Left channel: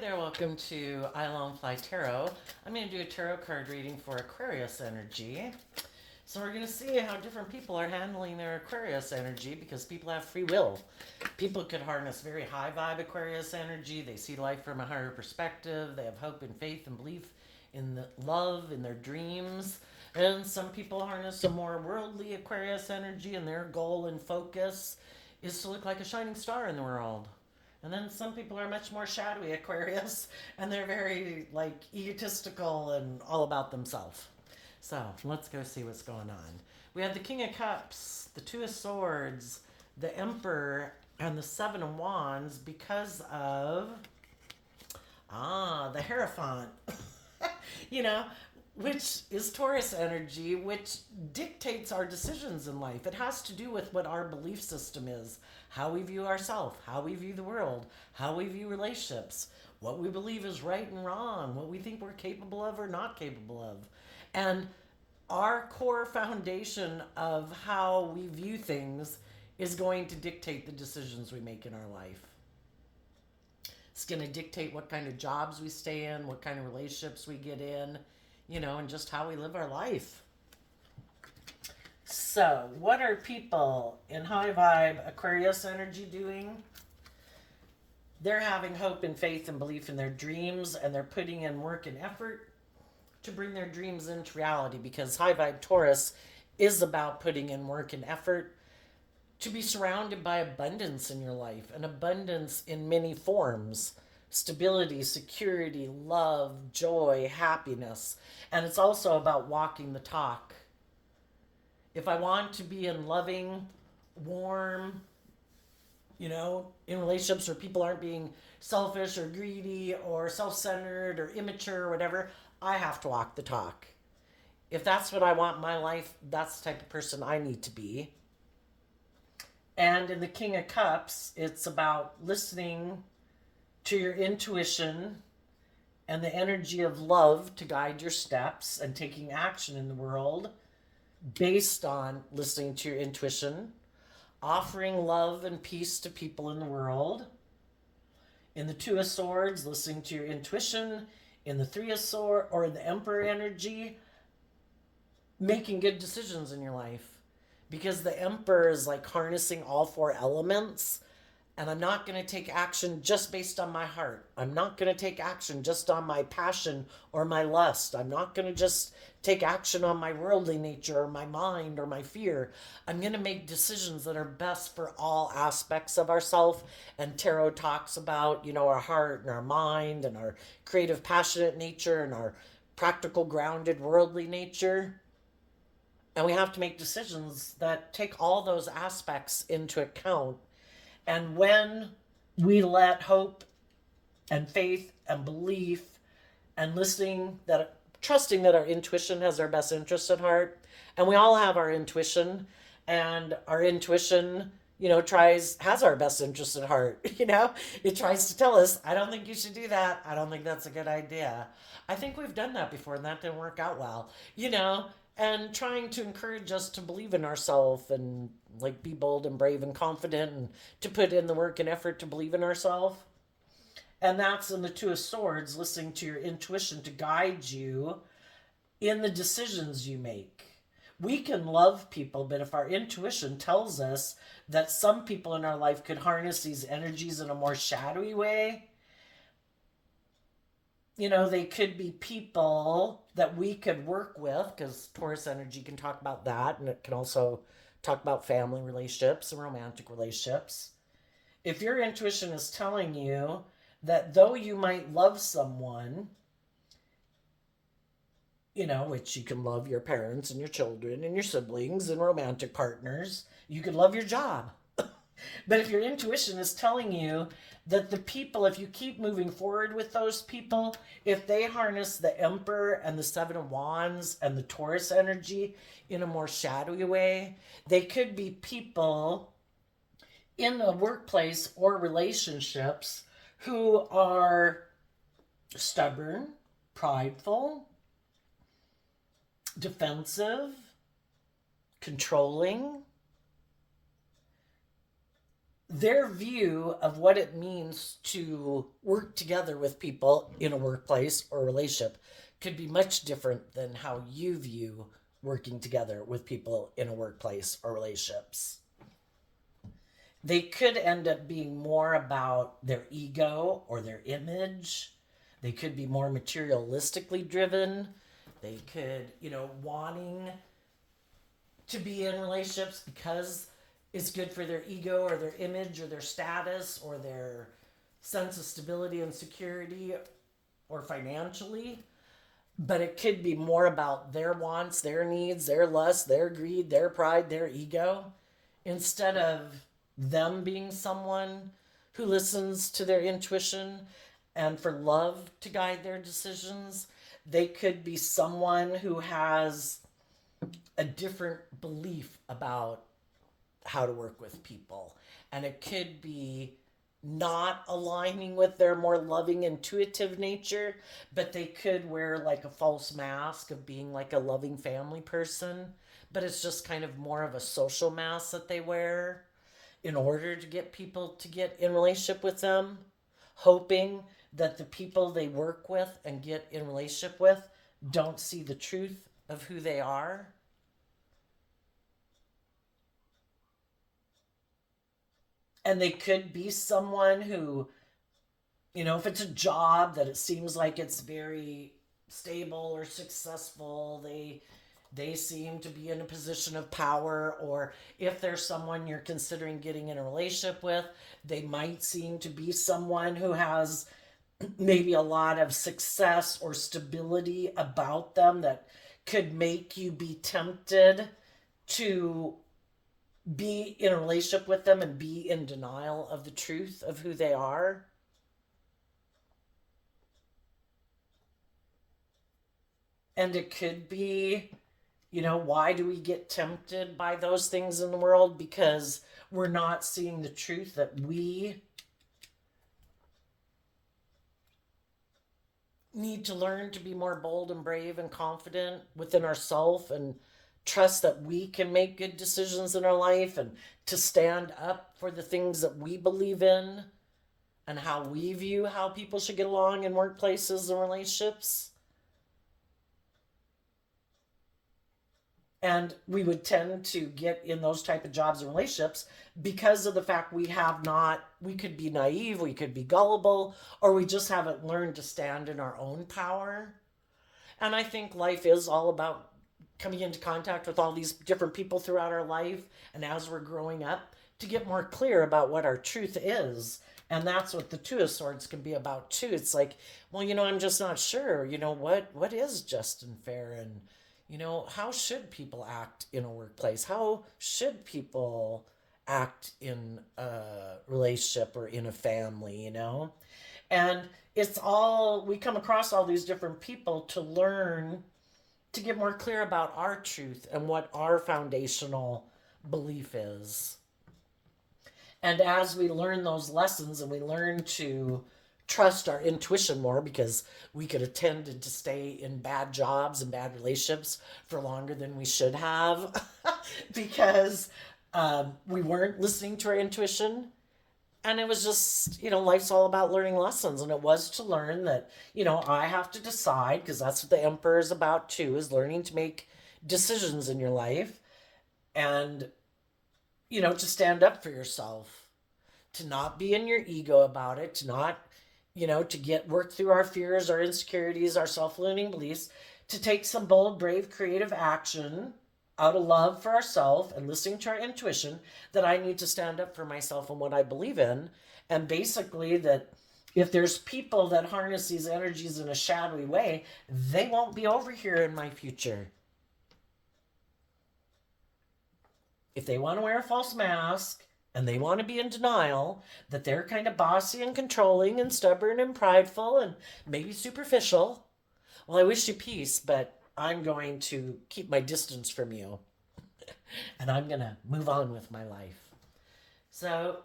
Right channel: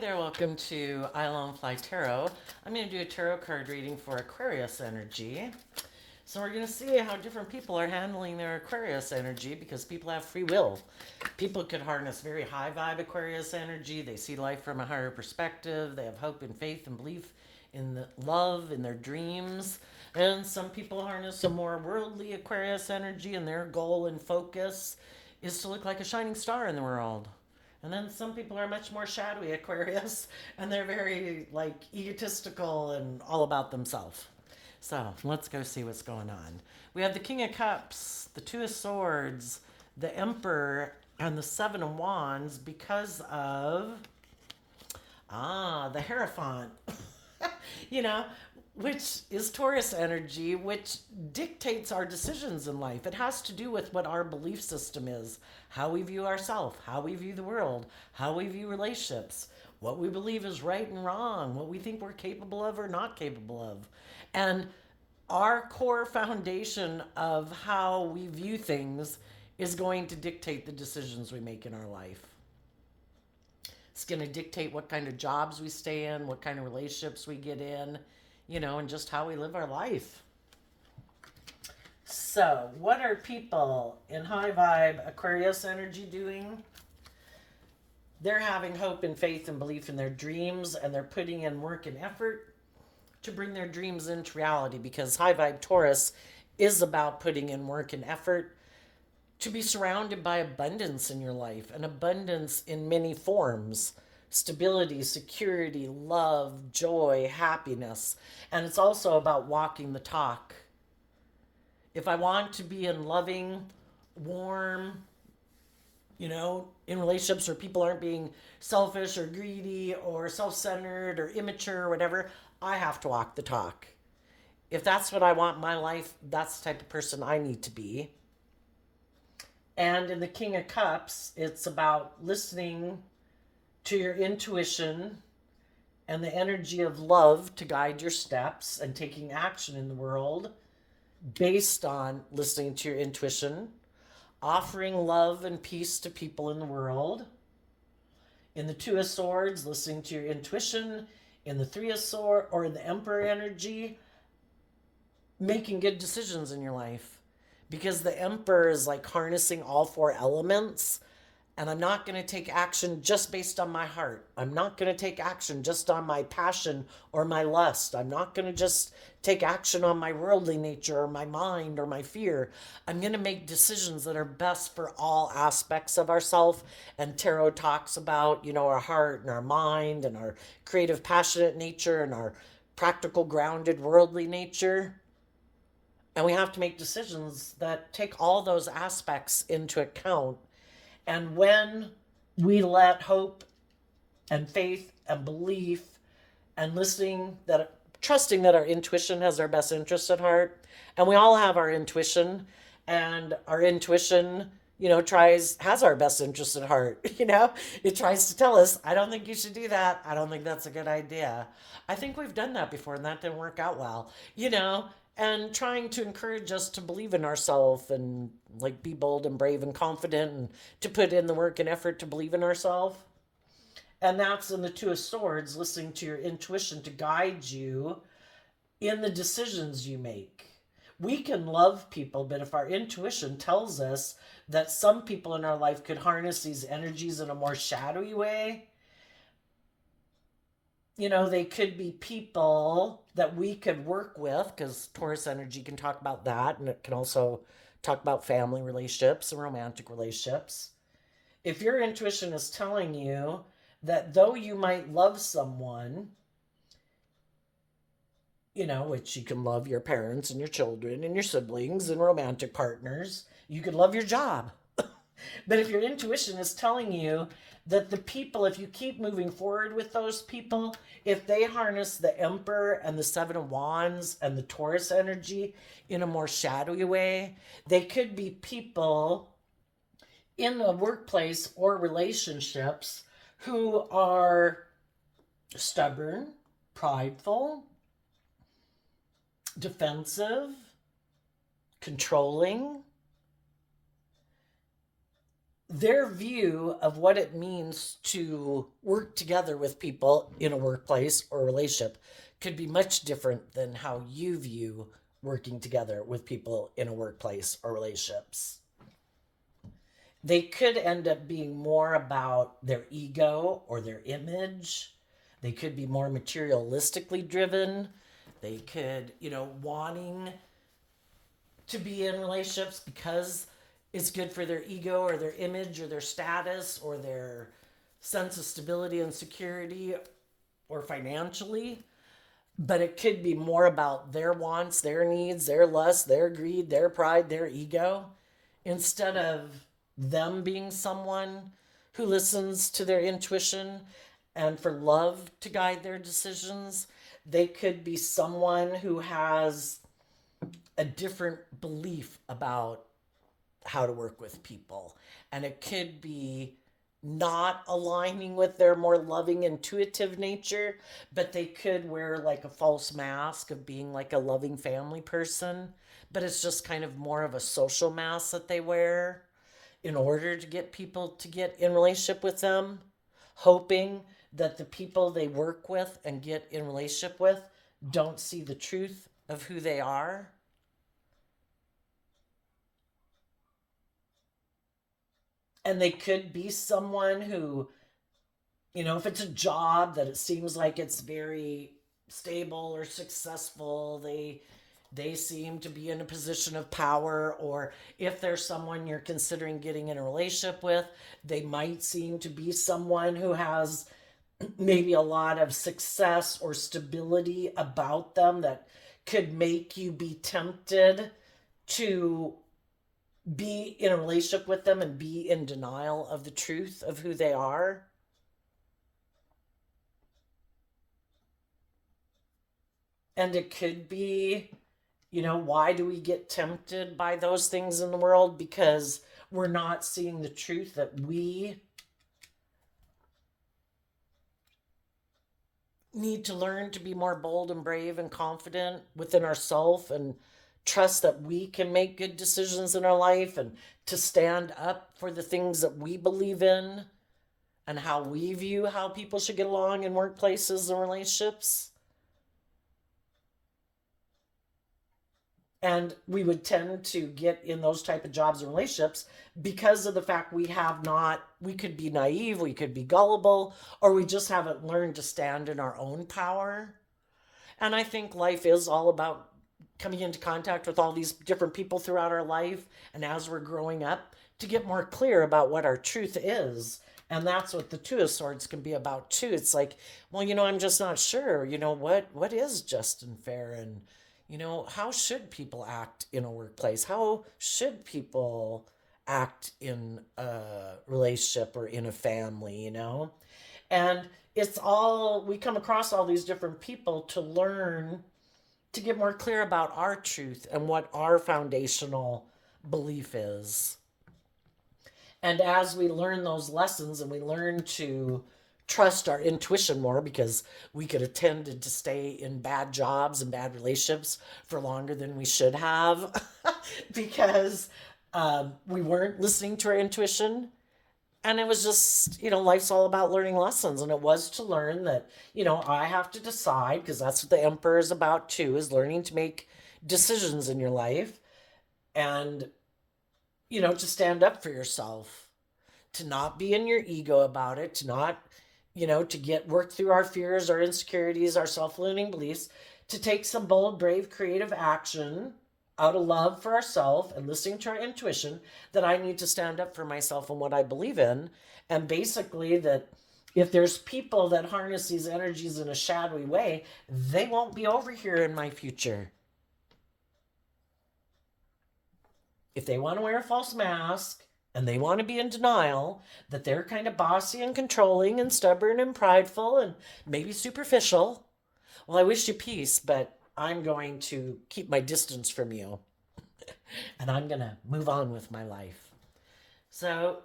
there, welcome to Island Fly Tarot. I'm going to do a tarot card reading for Aquarius energy. So we're going to see how different people are handling their Aquarius energy because people have free will. People could harness very high vibe Aquarius energy. They see life from a higher perspective. They have hope and faith and belief in the love, in their dreams. And some people harness a more worldly Aquarius energy, and their goal and focus is to look like a shining star in the world. And then some people are much more shadowy Aquarius, and they're very egotistical and all about themselves. So let's go see what's going on. We have the King of Cups, the Two of Swords, the Emperor, and the Seven of Wands because of the Hierophant. you know, which is Taurus energy, which dictates our decisions in life. It has to do with what our belief system is, how we view ourselves, how we view the world, how we view relationships, what we believe is right and wrong, what we think we're capable of or not capable of. And our core foundation of how we view things is going to dictate the decisions we make in our life. It's going to dictate what kind of jobs we stay in, what kind of relationships we get in, and just how we live our life. So, what are people in high vibe Aquarius energy doing? They're having hope and faith and belief in their dreams, and they're putting in work and effort to bring their dreams into reality, because high vibe Taurus is about putting in work and effort to be surrounded by abundance in your life, and abundance in many forms: stability, security, love, joy, happiness. And it's also about walking the talk. If I want to be in loving, warm, in relationships where people aren't being selfish or greedy or self-centered or immature or whatever, I have to walk the talk. If that's what I want in my life, that's the type of person I need to be. And in the King of Cups, it's about listening to your intuition and the energy of love to guide your steps and taking action in the world based on listening to your intuition, offering love and peace to people in the world. In the Two of Swords, listening to your intuition. In the Three of Swords, or in the Emperor energy, making good decisions in your life. Because the Emperor is like harnessing all four elements. And I'm not going to take action just based on my heart. I'm not going to take action just on my passion or my lust. I'm not going to just take action on my worldly nature or my mind or my fear. I'm going to make decisions that are best for all aspects of ourselves. And tarot talks about, our heart and our mind and our creative, passionate nature and our practical, grounded, worldly nature. And we have to make decisions that take all those aspects into account. And when we let hope and faith and belief and trusting that our intuition has our best interest at heart, and we all have our intuition, and our intuition, has our best interest at heart. It tries to tell us, I don't think you should do that. I don't think that's a good idea. I think we've done that before and that didn't work out well, and trying to encourage us to believe in ourselves and be bold and brave and confident and to put in the work and effort to believe in ourselves. And that's in the Two of Swords, listening to your intuition to guide you in the decisions you make. We can love people, but if our intuition tells us that some people in our life could harness these energies in a more shadowy way, they could be people that we could work with, because Taurus energy can talk about that, and it can also talk about family relationships and romantic relationships. If your intuition is telling you that though you might love someone, which you can love your parents and your children and your siblings and romantic partners, you can love your job. But if your intuition is telling you that the people, if you keep moving forward with those people, if they harness the Emperor and the Seven of Wands and the Taurus energy in a more shadowy way, they could be people in the workplace or relationships who are stubborn, prideful, defensive, controlling. their view of what it means to work together with people in a workplace or relationship could be much different than how you view working together with people in a workplace or relationships. They could end up being more about their ego or their image. They could be more materialistically driven. They could, wanting to be in relationships because it's good for their ego or their image or their status or their sense of stability and security or financially. But it could be more about their wants, their needs, their lust, their greed, their pride, their ego, instead of them being someone who listens to their intuition and for love to guide their decisions. They could be someone who has a different belief about how to work with people. And it could be not aligning with their more loving, intuitive nature, but they could wear like a false mask of being like a loving family person. But it's just kind of more of a social mask that they wear in order to get people to get in relationship with them, hoping that the people they work with and get in relationship with don't see the truth of who they are. And they could be someone who, if it's a job that it seems like it's very stable or successful, they seem to be in a position of power. Or if there's someone you're considering getting in a relationship with, they might seem to be someone who has maybe a lot of success or stability about them that could make you be tempted to be in a relationship with them and be in denial of the truth of who they are. And it could be, why do we get tempted by those things in the world? Because we're not seeing the truth that we need to learn to be more bold and brave and confident within ourselves and trust that we can make good decisions in our life and to stand up for the things that we believe in and how we view how people should get along in workplaces and relationships. And we would tend to get in those type of jobs and relationships because of the fact we could be naive, we could be gullible, or we just haven't learned to stand in our own power. And I think life is all about coming into contact with all these different people throughout our life and as we're growing up to get more clear about what our truth is. And that's what the Two of Swords can be about too. It's like, well, I'm just not sure, what is just and fair, and how should people act in a workplace? How should people act in a relationship or in a family? And we come across all these different people to learn to get more clear about our truth and what our foundational belief is. And as we learn those lessons and we learn to trust our intuition more, because we could have tended to stay in bad jobs and bad relationships for longer than we should have because we weren't listening to our intuition. And it was just, life's all about learning lessons. And it was to learn that, I have to decide, because that's what the Emperor is about too, is learning to make decisions in your life and, to stand up for yourself, to not be in your ego about it, to not, to work through our fears, our insecurities, our self-limiting beliefs, to take some bold, brave, creative action out of love for ourselves and listening to our intuition, that I need to stand up for myself and what I believe in. And basically that if there's people that harness these energies in a shadowy way, they won't be over here in my future. If they want to wear a false mask and they want to be in denial that they're kind of bossy and controlling and stubborn and prideful and maybe superficial, well, I wish you peace, but I'm going to keep my distance from you and I'm going to move on with my life. So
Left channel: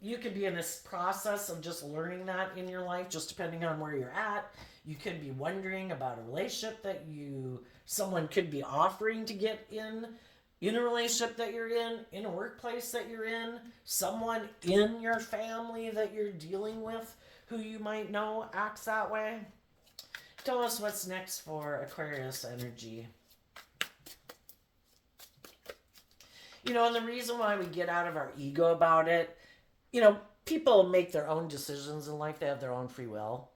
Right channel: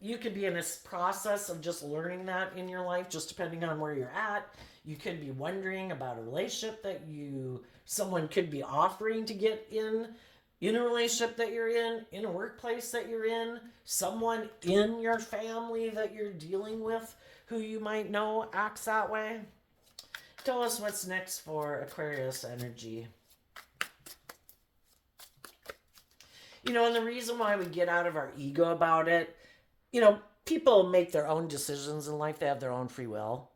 you could be in this process of just learning that in your life, just depending on where you're at. You could be wondering about a relationship that someone could be offering to get in in a relationship that you're in a workplace that you're in, someone in your family that you're dealing with who you might know acts that way. Tell us what's next for Aquarius energy. And the reason why we get out of our ego about it, people make their own decisions in life. They have their own free will.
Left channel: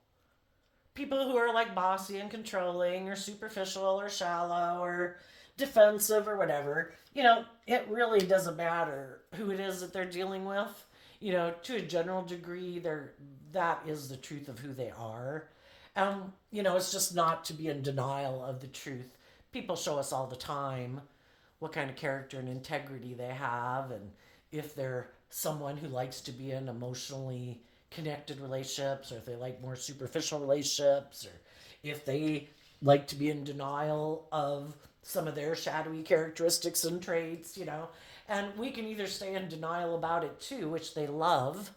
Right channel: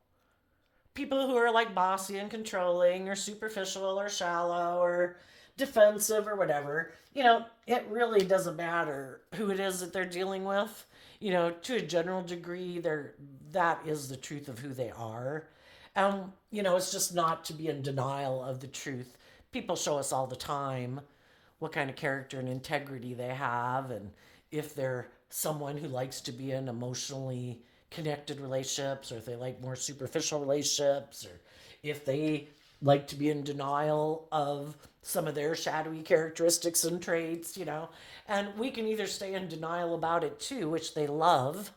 People who are like bossy and controlling or superficial or shallow or defensive or whatever, it really doesn't matter who it is that they're dealing with. To a general degree, that is the truth of who they are. It's just not to be in denial of the truth. People show us all the time what kind of character and integrity they have, and if they're someone who likes to be in emotionally connected relationships, or if they like more superficial relationships, or if they like to be in denial of some of their shadowy characteristics and traits, And we can either stay in denial about it too, which they love,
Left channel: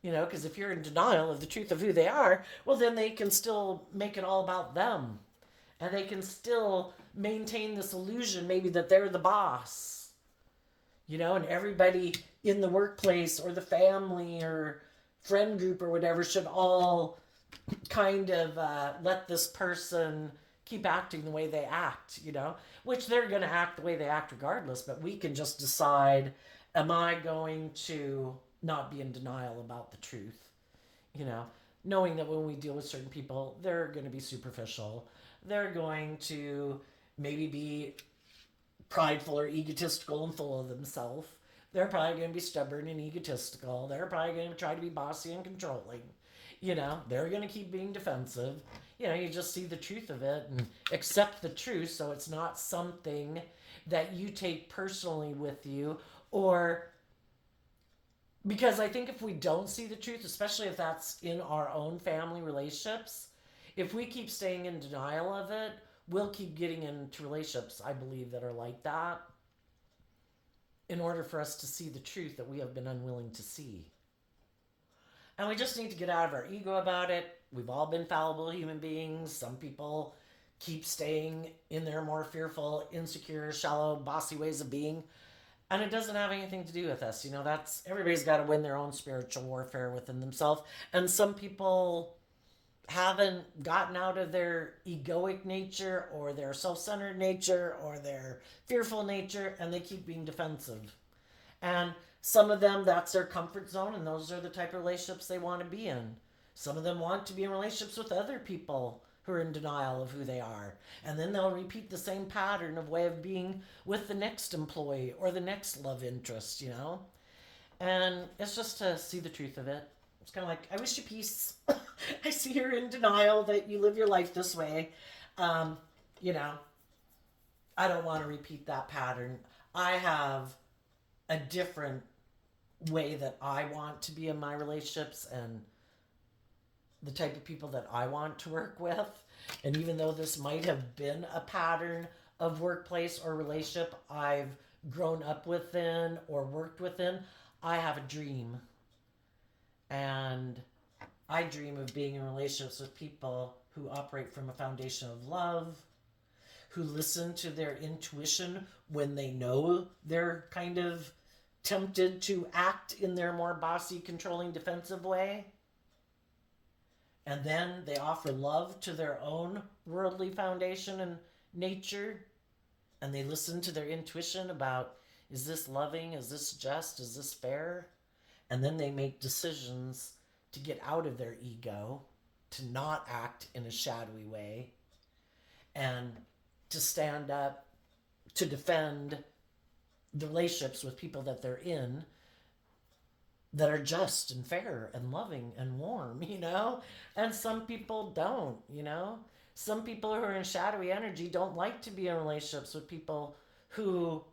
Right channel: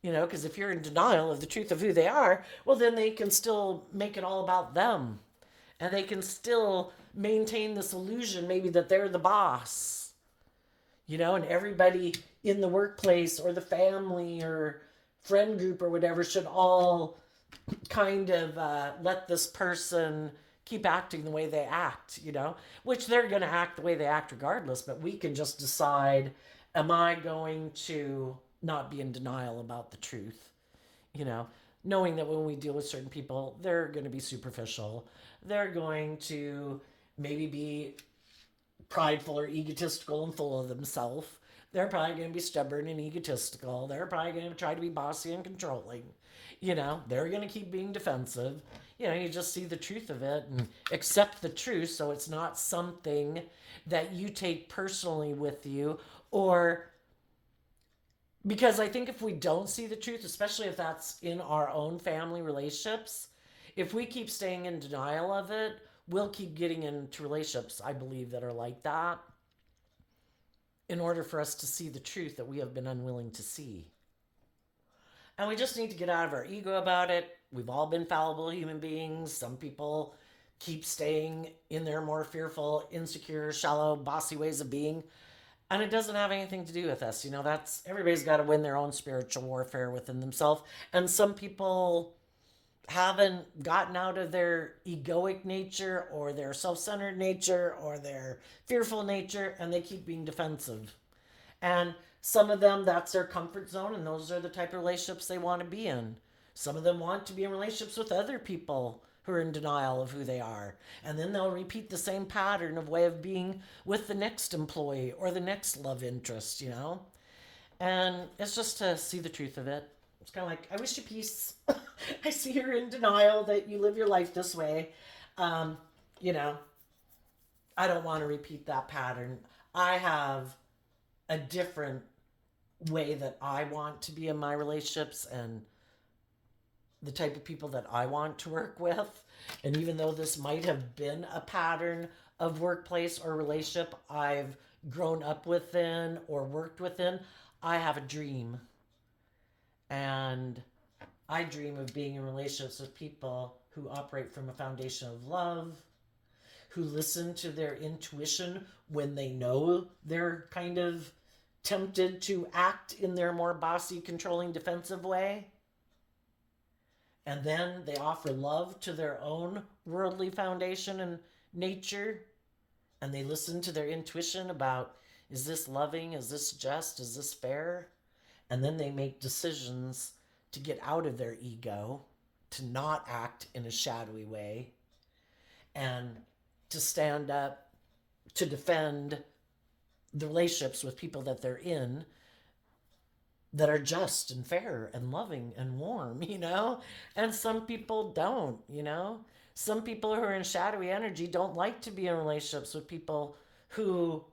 because if you're in denial of the truth of who they are, well, then they can still make it all about them. And they can still maintain this illusion maybe that they're the boss, and everybody in the workplace or the family or friend group or whatever should all kind of let this person keep acting the way they act, which they're going to act the way they act regardless. But we can just decide, am I going to not be in denial about the truth, knowing that when we deal with certain people, they're going to be superficial. They're going to maybe be prideful or egotistical and full of themselves. They're probably going to be stubborn and egotistical. They're probably going to try to be bossy and controlling. They're going to keep being defensive. You just see the truth of it and accept the truth, so it's not something that you take personally with you. Or because I think if we don't see the truth, especially if that's in our own family relationships, if we keep staying in denial of it, we'll keep getting into relationships, I believe, that are like that, in order for us to see the truth that we have been unwilling to see. And we just need to get out of our ego about it. We've all been fallible human beings. Some people keep staying in their more fearful, insecure, shallow, bossy ways of being. And it doesn't have anything to do with us. That's everybody's got to win their own spiritual warfare within themselves. And some people haven't gotten out of their egoic nature or their self-centered nature or their fearful nature, and they keep being defensive. And some of them, that's their comfort zone, and those are the type of relationships they want to be in. Some of them want to be in relationships with other people who are in denial of who they are. And then they'll repeat the same pattern of way of being with the next employee or the next love interest, And it's just to see the truth of it. It's kind of like, I wish you peace. I see you're in denial that you live your life this way. I don't want to repeat that pattern. I have a different way that I want to be in my relationships and the type of people that I want to work with. And even though this might have been a pattern of workplace or relationship I've grown up within or worked within, I have a dream. And I dream of being in relationships with people who operate from a foundation of love, who listen to their intuition when they know they're kind of tempted to act in their more bossy, controlling, defensive way. And then they offer love to their own worldly foundation and nature. And they listen to their intuition about, is this loving? Is this just? Is this fair? And then they make decisions to get out of their ego, to not act in a shadowy way, and to stand up, to defend the relationships with people that they're in that are just and fair and loving and warm, And some people don't, Some people who are in shadowy energy don't like to be in relationships with people who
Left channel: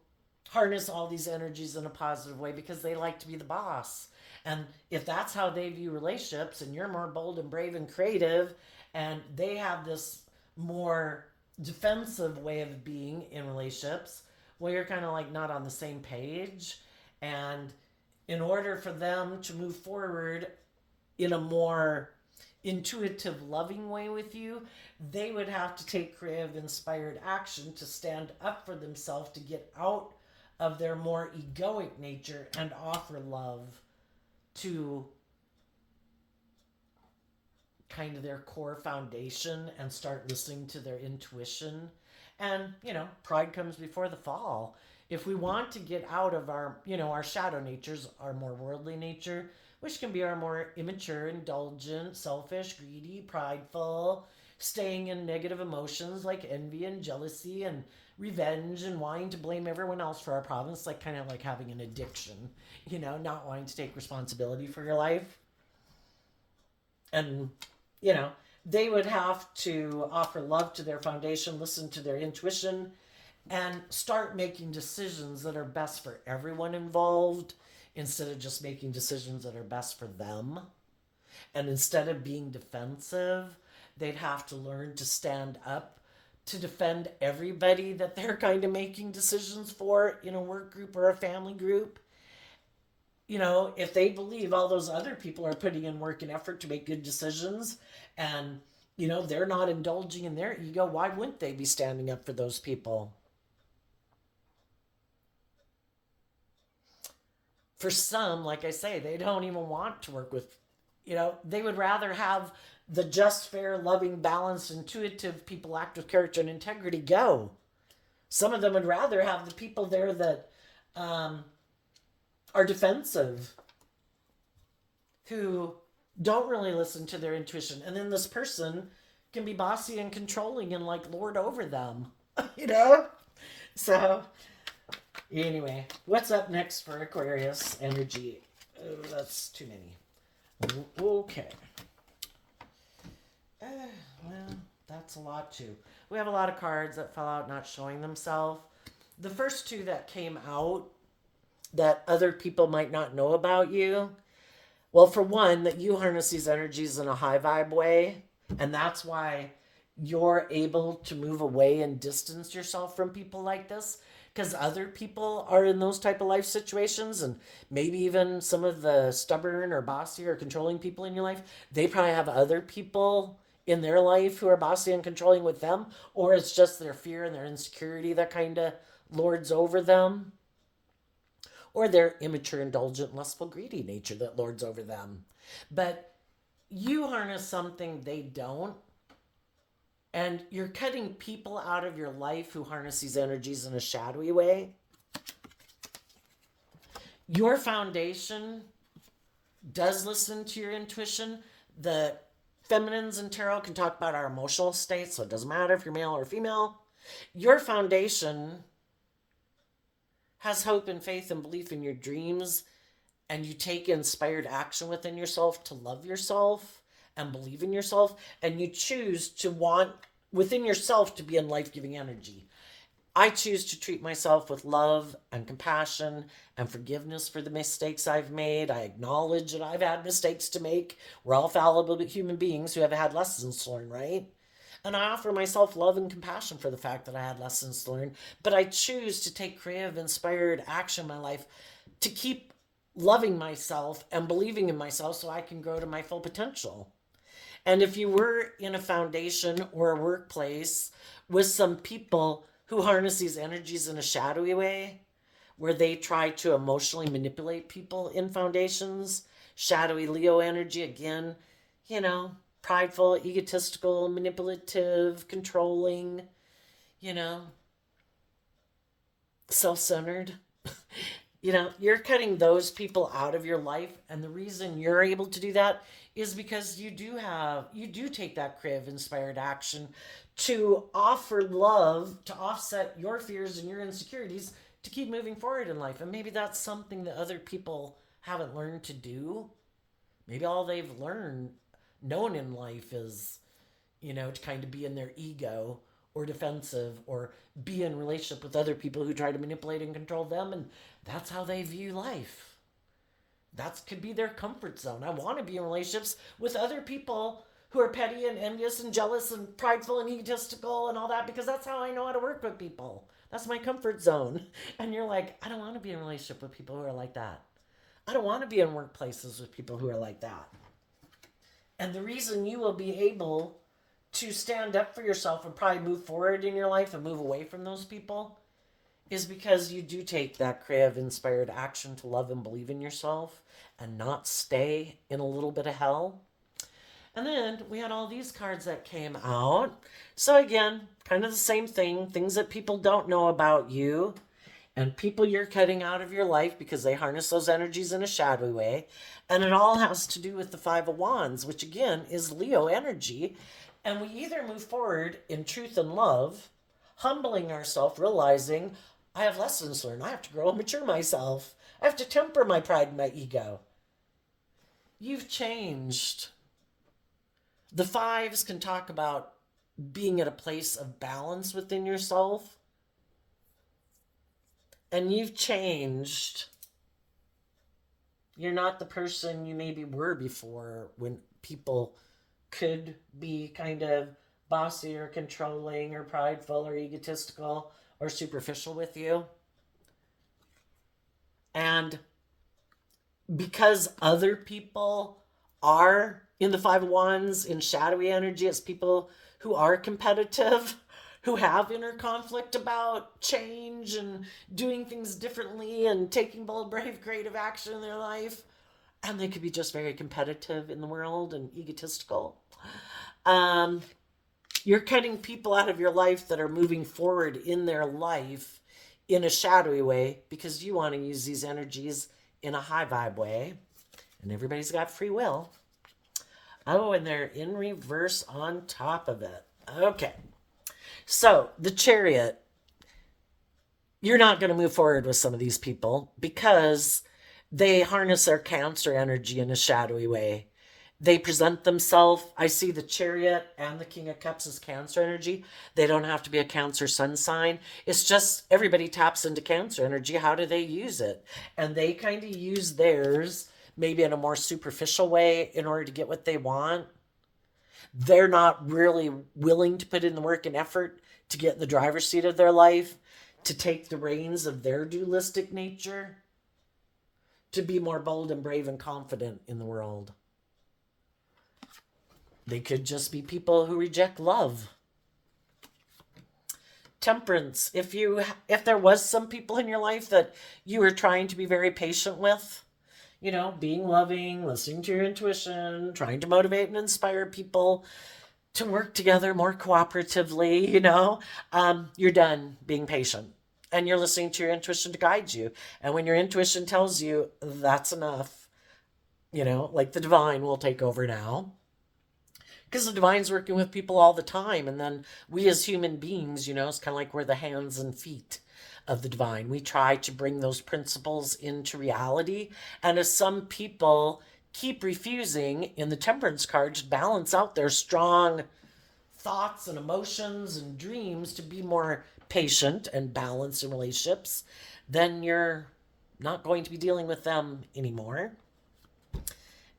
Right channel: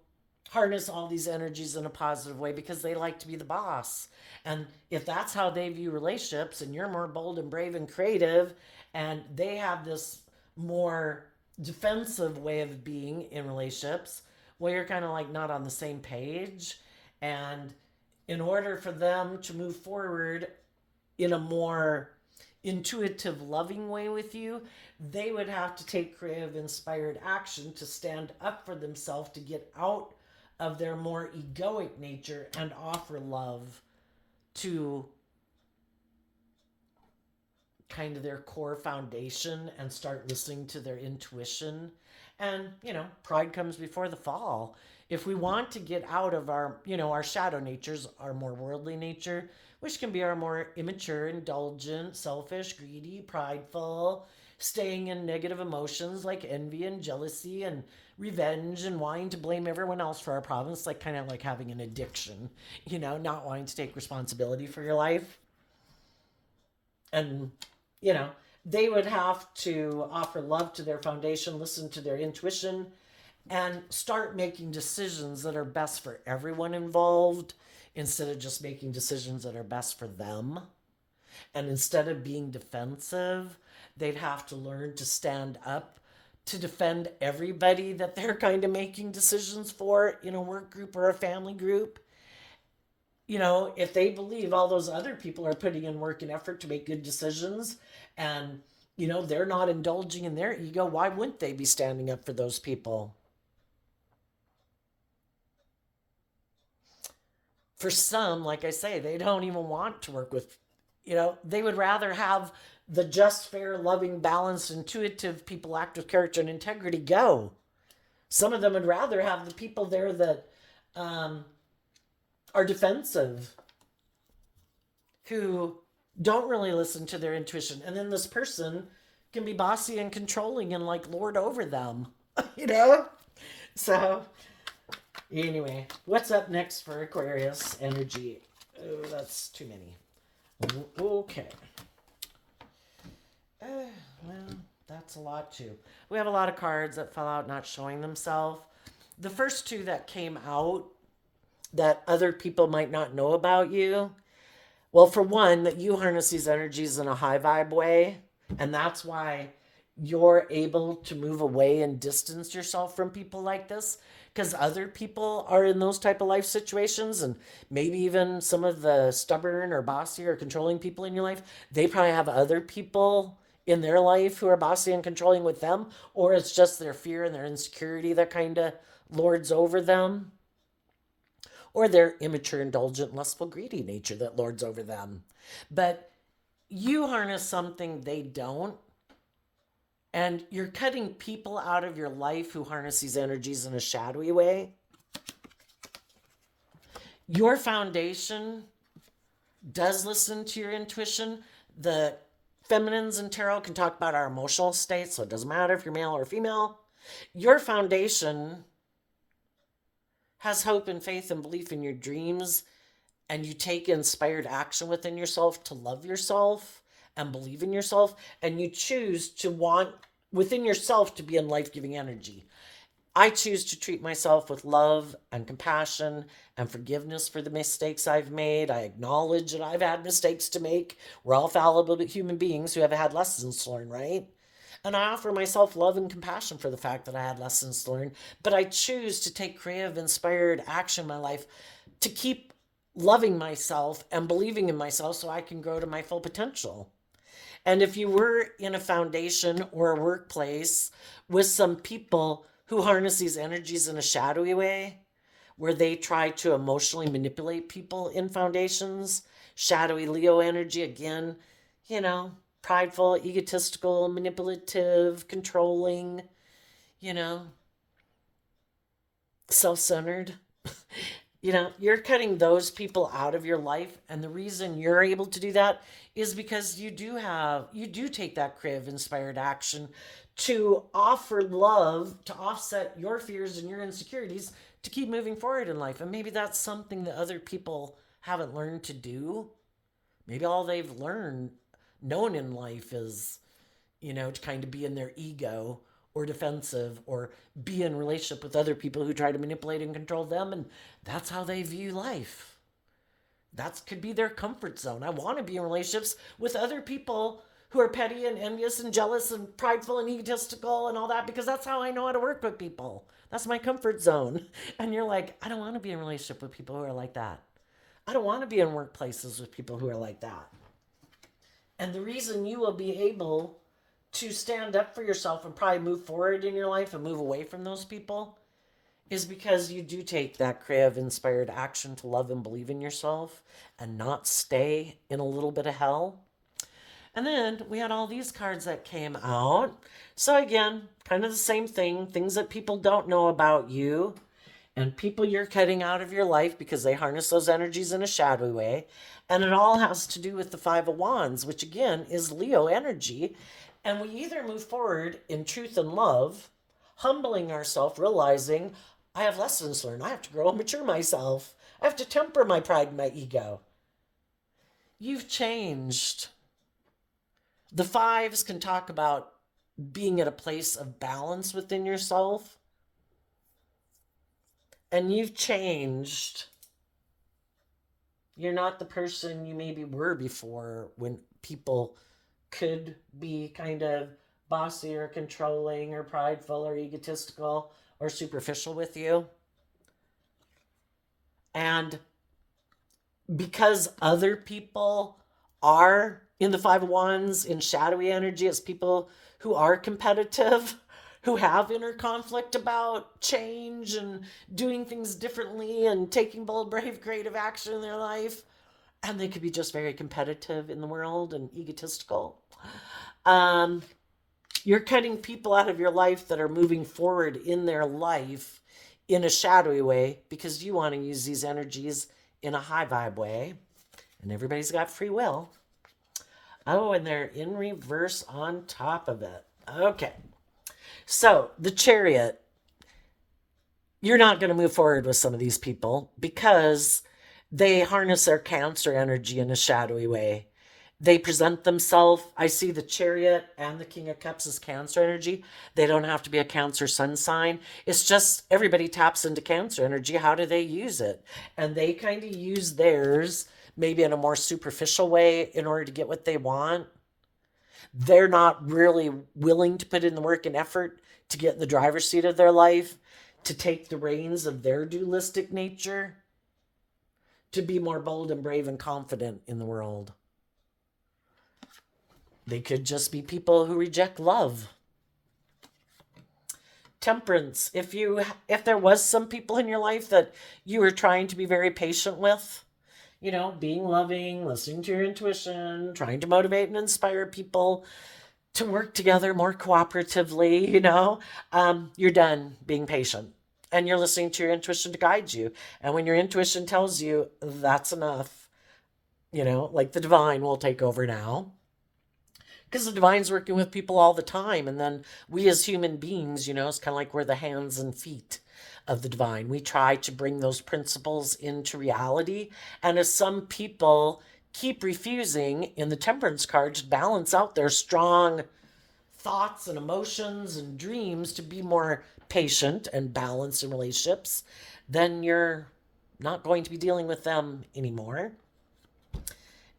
harness all these energies in a positive way because they like to be the boss. And if that's how they view relationships, and you're more bold and brave and creative, and they have this more defensive way of being in relationships, well, you're kind of like not on the same page. And in order for them to move forward in a more intuitive, loving way with you, they would have to take creative, inspired action to stand up for themselves, to get out of their more egoic nature and offer love to kind of their core foundation and start listening to their intuition. And, pride comes before the fall. If we want to get out of our, our shadow natures, our more worldly nature, which can be our more immature, indulgent, selfish, greedy, prideful, staying in negative emotions like envy and jealousy and revenge and wanting to blame everyone else for our problems, like kind of like having an addiction, not wanting to take responsibility for your life. And, you know, they would have to offer love to their foundation, listen to their intuition, and start making decisions that are best for everyone involved instead of just making decisions that are best for them. And instead of being defensive, they'd have to learn to stand up to defend everybody that they're kind of making decisions for in a work group or a family group. If they believe all those other people are putting in work and effort to make good decisions and, they're not indulging in their ego, why wouldn't they be standing up for those people? For some, like I say, they don't even want to work with, they would rather have the just, fair, loving, balanced, intuitive people act with character and integrity go. Some of them would rather have the people there that are defensive, who don't really listen to their intuition. And then this person can be bossy and controlling and like lord over them, So, anyway, what's up next for Aquarius energy? Oh, that's too many. Okay. Well, that's a lot too. We have a lot of cards that fell out not showing themselves. The first two that came out that other people might not know about you. Well, for one, that you harness these energies in a high vibe way. And that's why you're able to move away and distance yourself from people like this. Because other people are in those type of life situations, and maybe even some of the stubborn or bossy or controlling people in your life, they probably have other people in their life who are bossy and controlling with them, or it's just their fear and their insecurity that kind of lords over them, or their immature, indulgent, lustful, greedy nature that lords over them. But you harness something they don't, and you're cutting people out of your life who harness these energies in a shadowy way. Your foundation does listen to your intuition. The feminines in tarot can talk about our emotional state, so it doesn't matter if you're male or female. Your foundation has hope and faith and belief in your dreams, and you take inspired action within yourself to love yourself and believe in yourself, and you choose to want within yourself to be in life-giving energy. I choose to treat myself with love and compassion and forgiveness for the mistakes I've made. I acknowledge that I've had mistakes to make. We're all fallible human beings who have had lessons to learn, right? And I offer myself love and compassion for the fact that I had lessons to learn. But I choose to take creative, inspired action in my life to keep loving myself and believing in myself so I can grow to my full potential. And if you were in a foundation or a workplace with some people who harness these energies in a shadowy way, where they try to emotionally manipulate people in foundations, shadowy Leo energy, again, prideful, egotistical, manipulative, controlling, self-centered. You're cutting those people out of your life. And the reason you're able to do that is because you do take that creative, inspired action to offer love, to offset your fears and your insecurities, to keep moving forward in life. And maybe that's something that other people haven't learned to do. Maybe all they've known in life is, to kind of be in their ego or defensive or be in relationship with other people who try to manipulate and control them. And that's how they view life. That could be their comfort zone. I want to be in relationships with other people who are petty and envious and jealous and prideful and egotistical and all that, because that's how I know how to work with people. That's my comfort zone. And you're like, I don't want to be in a relationship with people who are like that. I don't want to be in workplaces with people who are like that. And the reason you will be able to stand up for yourself and probably move forward in your life and move away from those people is because you do take that creative, inspired action to love and believe in yourself and not stay in a little bit of hell. And then we had all these cards that came out. So, again, kind of the same thing, things that people don't know about you and people you're cutting out of your life because they harness those energies in a shadowy way. And it all has to do with the Five of Wands, which again is Leo energy. And we either move forward in truth and love, humbling ourselves, realizing I have lessons to learn. I have to grow and mature myself. I have to temper my pride and my ego. You've changed. The fives can talk about being at a place of balance within yourself. And you've changed. You're not the person you maybe were before when people could be kind of bossy or controlling or prideful or egotistical or superficial with you. And because other people are in the Five of Wands in shadowy energy, as people who are competitive, who have inner conflict about change and doing things differently and taking bold, brave, creative action in their life. And they could be just very competitive in the world and egotistical. You're cutting people out of your life that are moving forward in their life in a shadowy way because you want to use these energies in a high vibe way. And everybody's got free will. Oh, and they're in reverse on top of it. Okay. So, the Chariot. You're not going to move forward with some of these people because they harness their Cancer energy in a shadowy way. They present themselves. I see the Chariot and the King of Cups as Cancer energy. They don't have to be a Cancer sun sign. It's just everybody taps into Cancer energy. How do they use it? And they kind of use theirs maybe in a more superficial way in order to get what they want. They're not really willing to put in the work and effort to get in the driver's seat of their life, to take the reins of their dualistic nature, to be more bold and brave and confident in the world. They could just be people who reject love. Temperance. If there was some people in your life that you were trying to be very patient with, being loving, listening to your intuition, trying to motivate and inspire people to work together more cooperatively, you're done being patient. And you're listening to your intuition to guide you. And when your intuition tells you that's enough, like the divine will take over now. Because the divine's working with people all the time. And then we as human beings, it's kind of like we're the hands and feet of the divine. We try to bring those principles into reality. And as some people keep refusing in the Temperance card to balance out their strong thoughts and emotions and dreams to be more patient and balanced in relationships, then you're not going to be dealing with them anymore.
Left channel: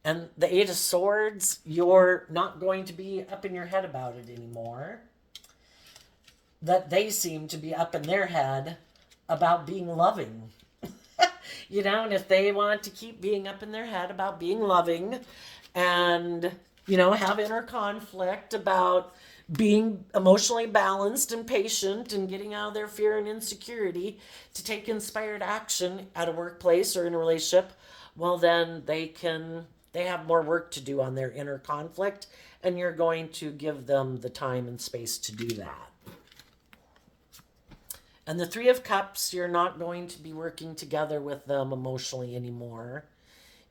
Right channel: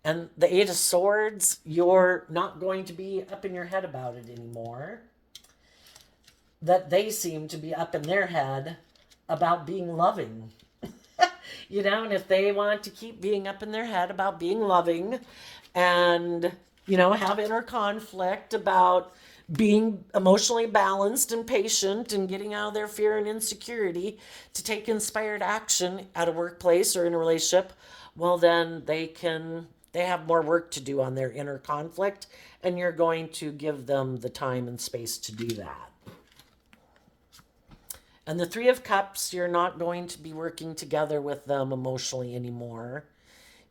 And the Eight of Swords, you're not going to be up in your head about it anymore. That they seem to be up in their head about being loving. And if they want to keep being up in their head about being loving and, have inner conflict about being emotionally balanced and patient and getting out of their fear and insecurity to take inspired action at a workplace or in a relationship, well, then they have more work to do on their inner conflict, and you're going to give them the time and space to do that. And the Three of Cups, you're not going to be working together with them emotionally anymore.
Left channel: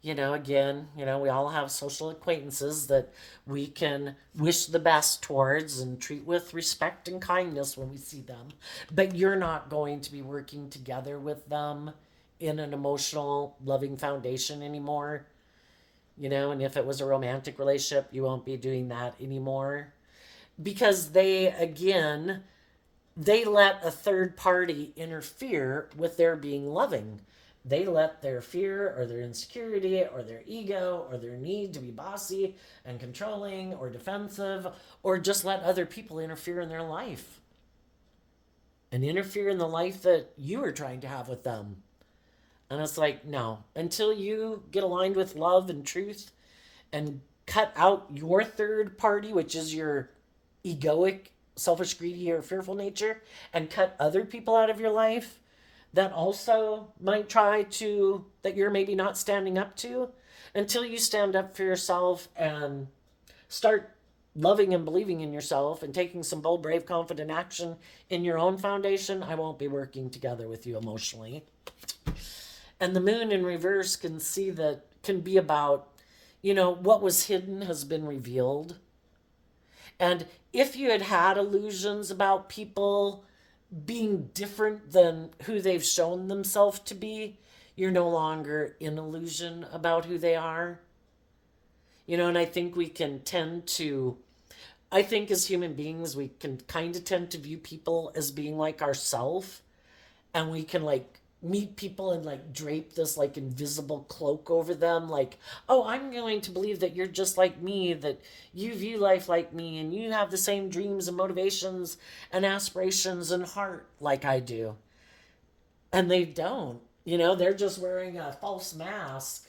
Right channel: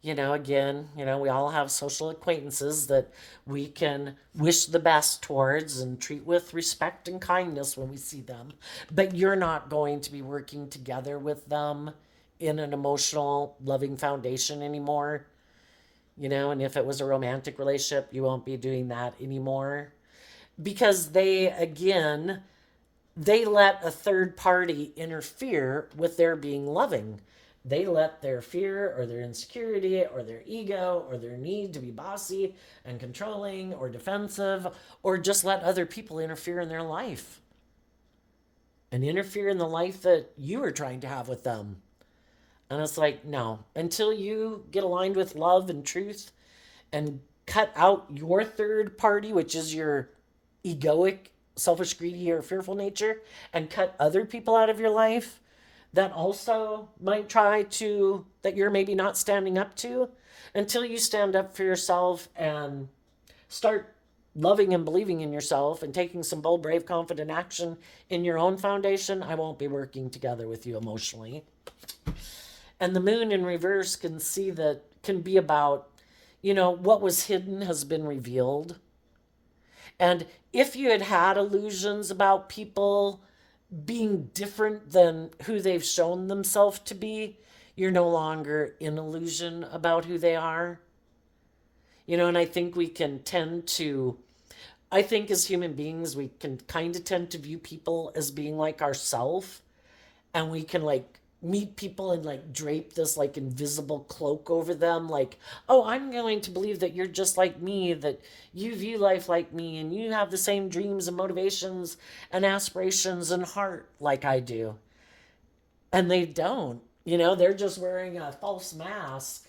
Again, we all have social acquaintances that we can wish the best towards and treat with respect and kindness when we see them. But you're not going to be working together with them in an emotional, loving foundation anymore. And if it was a romantic relationship, you won't be doing that anymore. Because they let a third party interfere with their being loving. They let their fear or their insecurity or their ego or their need to be bossy and controlling or defensive or just let other people interfere in their life and interfere in the life that you are trying to have with them. And it's like, no, until you get aligned with love and truth and cut out your third party, which is your egoic, selfish, greedy, or fearful nature, and cut other people out of your life that also might try to, that you're maybe not standing up to, until you stand up for yourself and start loving and believing in yourself and taking some bold, brave, confident action in your own foundation, I won't be working together with you emotionally. And the moon in reverse can be about, what was hidden has been revealed. And if you had had illusions about people being different than who they've shown themselves to be, you're no longer in illusion about who they are. And I think I think as human beings, we can kind of tend to view people as being like ourselves, and we can like meet people and like drape this like invisible cloak over them, like, oh, I'm going to believe that you're just like me, that you view life like me, and you have the same dreams and motivations and aspirations and heart like I do. And they don't. They're just wearing a false mask,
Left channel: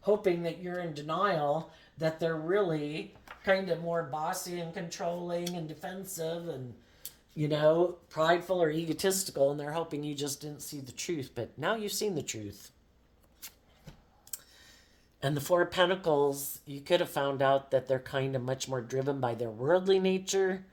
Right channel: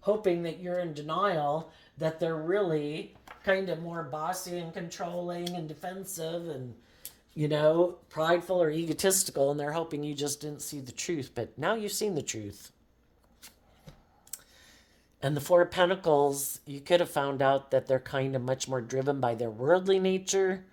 hoping that you're in denial, that they're really kind of more bossy and controlling and defensive and prideful or egotistical, and they're hoping you just didn't see the truth. But now you've seen the truth. And the Four of Pentacles, you could have found out that they're kind of much more driven by their worldly nature,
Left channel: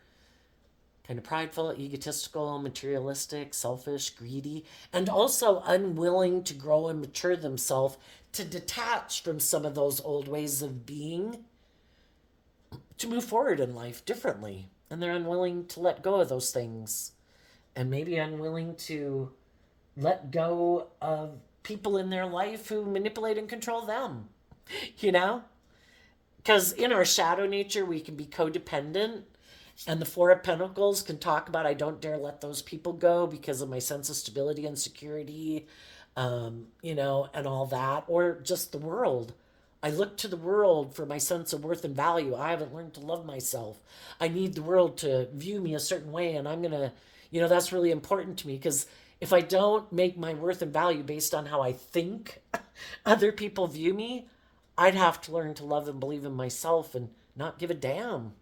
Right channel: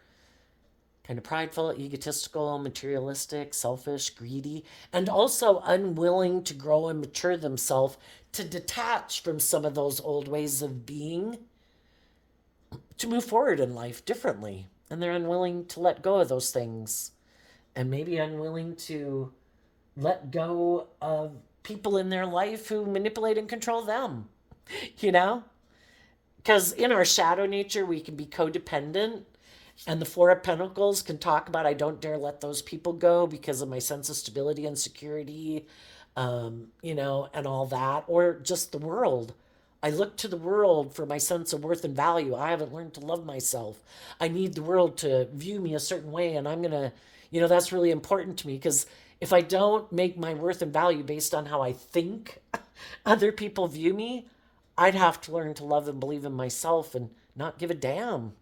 kind of prideful, egotistical, materialistic, selfish, greedy, and also unwilling to grow and mature themselves to detach from some of those old ways of being, to move forward in life differently. And they're unwilling to let go of those things, and maybe unwilling to let go of people in their life who manipulate and control them, Because in our shadow nature, we can be codependent. And the Four of Pentacles can talk about, I don't dare let those people go because of my sense of stability and security, and all that. Or just the world. I look to the world for my sense of worth and value. I haven't learned to love myself. I need the world to view me a certain way, and I'm going to, that's really important to me, because if I don't make my worth and value based on how I think other people view me, I'd have to learn to love and believe in myself and not give a damn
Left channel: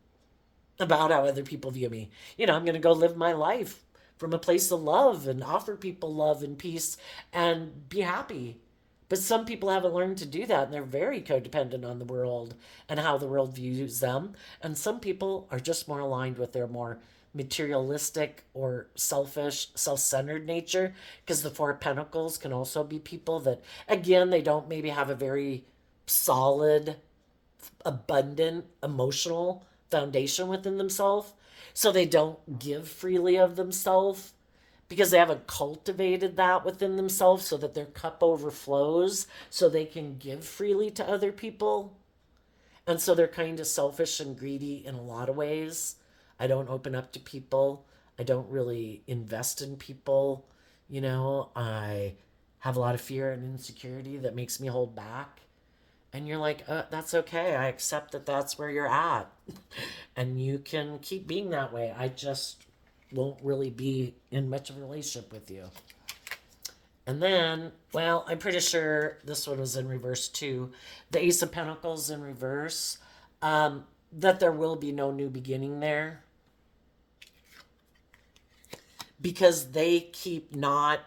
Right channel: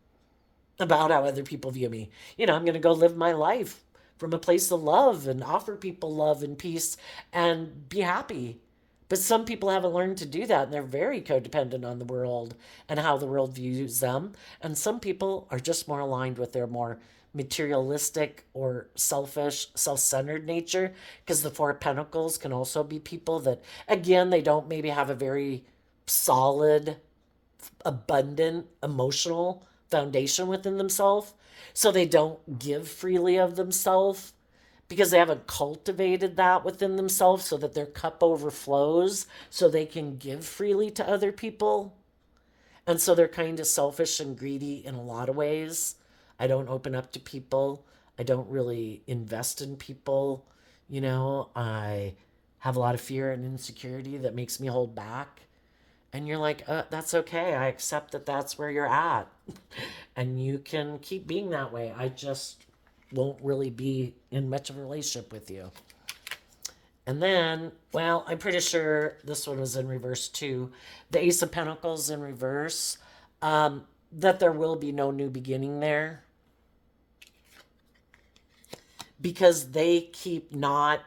about how other people view me. I'm going to go live my life from a place of love and offer people love and peace and be happy. But some people haven't learned to do that, and they're very codependent on the world and how the world views them. And some people are just more aligned with their more materialistic or selfish, self-centered nature, because the Four of Pentacles can also be people that, again, they don't maybe have a very solid, abundant, emotional foundation within themselves. So they don't give freely of themselves, because they haven't cultivated that within themselves so that their cup overflows so they can give freely to other people. And so they're kind of selfish and greedy in a lot of ways. I don't open up to people. I don't really invest in people. I have a lot of fear and insecurity that makes me hold back. And you're like, that's okay. I accept that that's where you're at. And you can keep being that way. I just won't really be in much of a relationship with you. And then, well, I'm pretty sure this one was in reverse too. The Ace of Pentacles in reverse. That there will be no new beginning there. Because they keep not